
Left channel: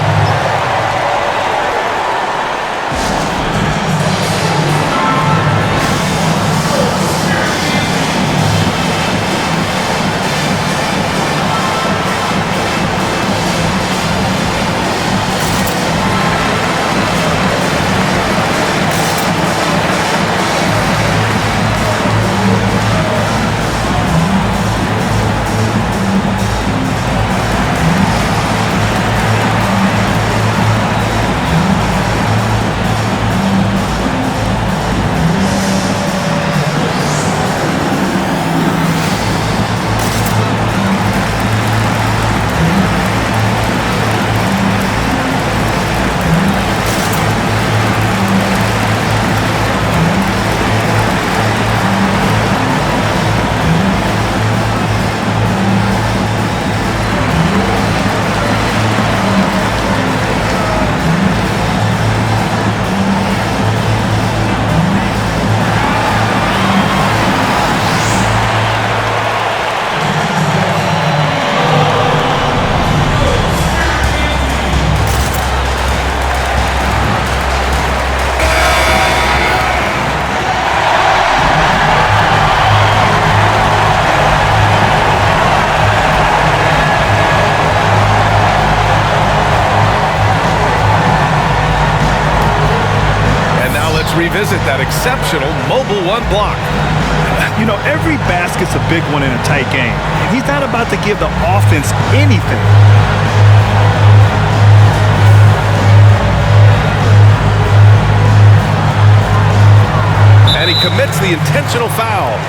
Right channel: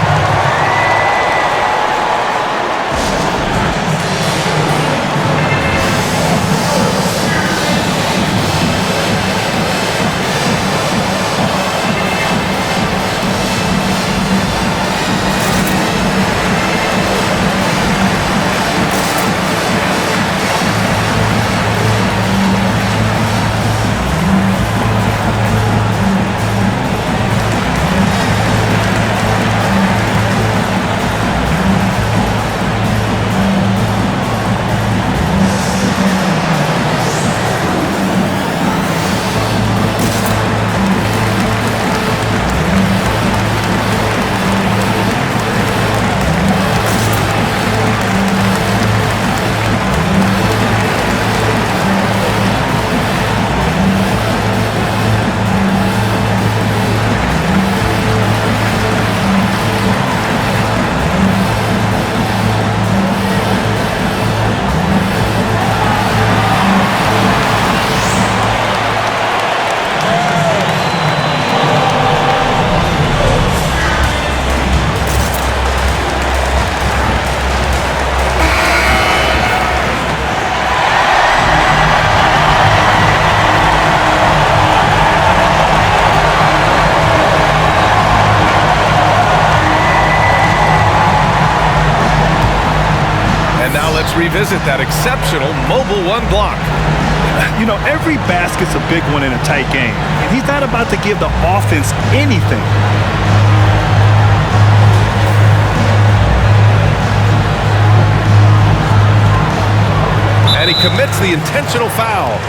And now let's revisit that exceptional mobile one block. You know, every basket's a big one in a tight game, and he's not about to give the offense anything. And he commits the intentional foul.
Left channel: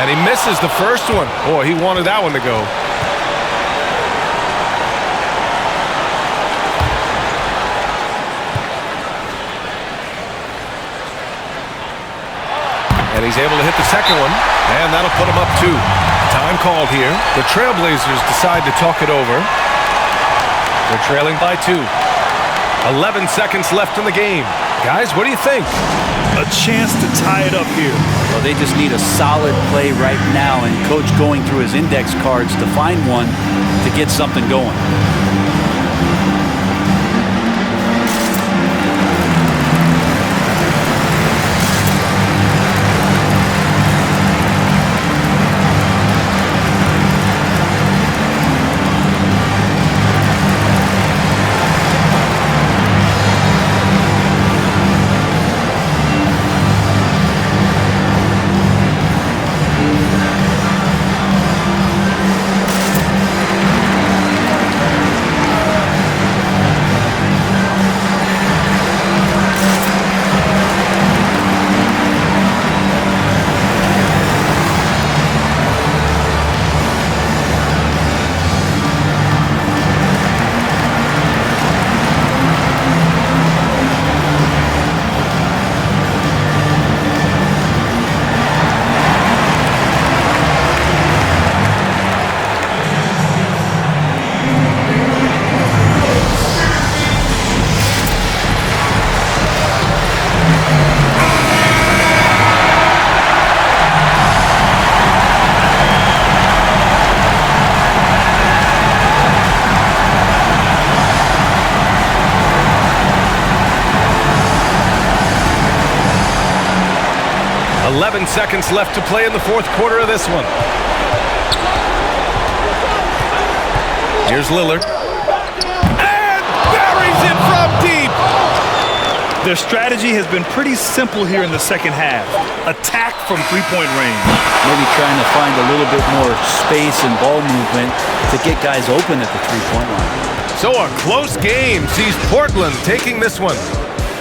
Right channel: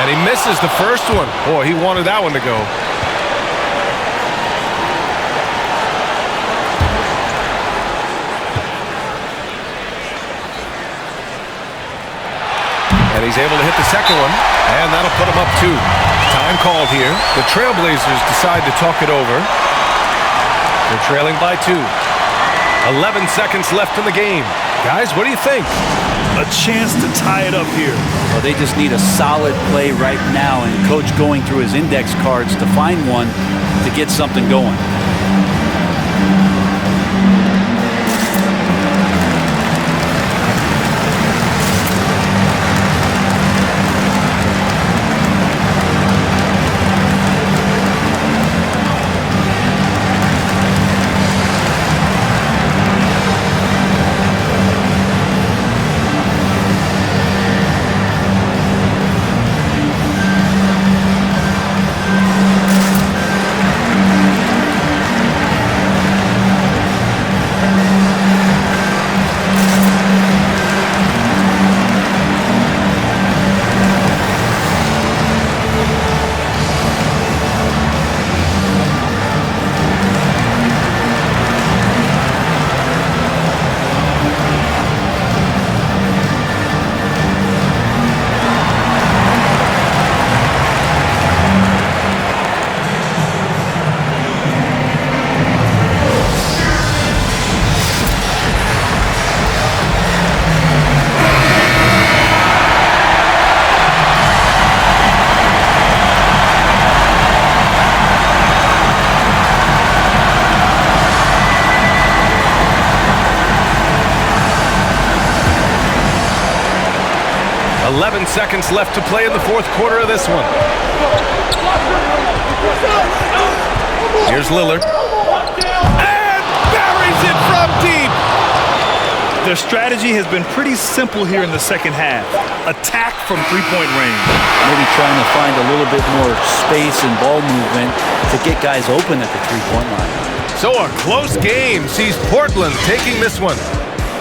And he misses the first one. Boy, he wanted that one to go. And he's able to hit the second one, and that'll put him up 2. Time called here. The Trailblazers decide to talk it over. They're trailing by 2. 11 seconds left in the game. Guys, what do you think? A chance to tie it up here. Well, they just need a solid play right now, and Coach going through his index cards to find one to get something going. $11 seconds left to play in the fourth quarter of this one. Here's Lillard. And buries it from deep. Their strategy has been pretty simple here in the second half. Attack from three-point range. Maybe trying to find a little bit more space and ball movement to get guys open at the three-point line. So a close game sees Portland taking this one.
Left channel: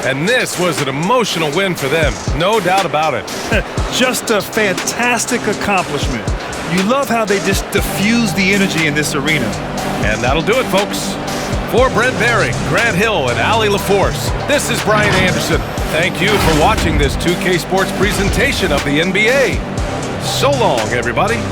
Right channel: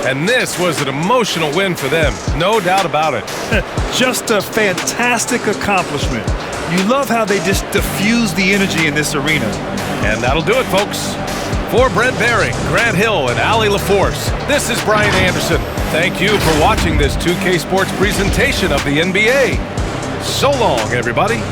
And this was an emotional win for them, no doubt about it. Just a fantastic accomplishment. You love how they just diffuse the energy in this arena. And that'll do it, folks. For Brent Baring, Grant Hill, and Allie LaForce, this is Brian Anderson. Thank you for watching this 2K Sports presentation of the NBA. So long, everybody.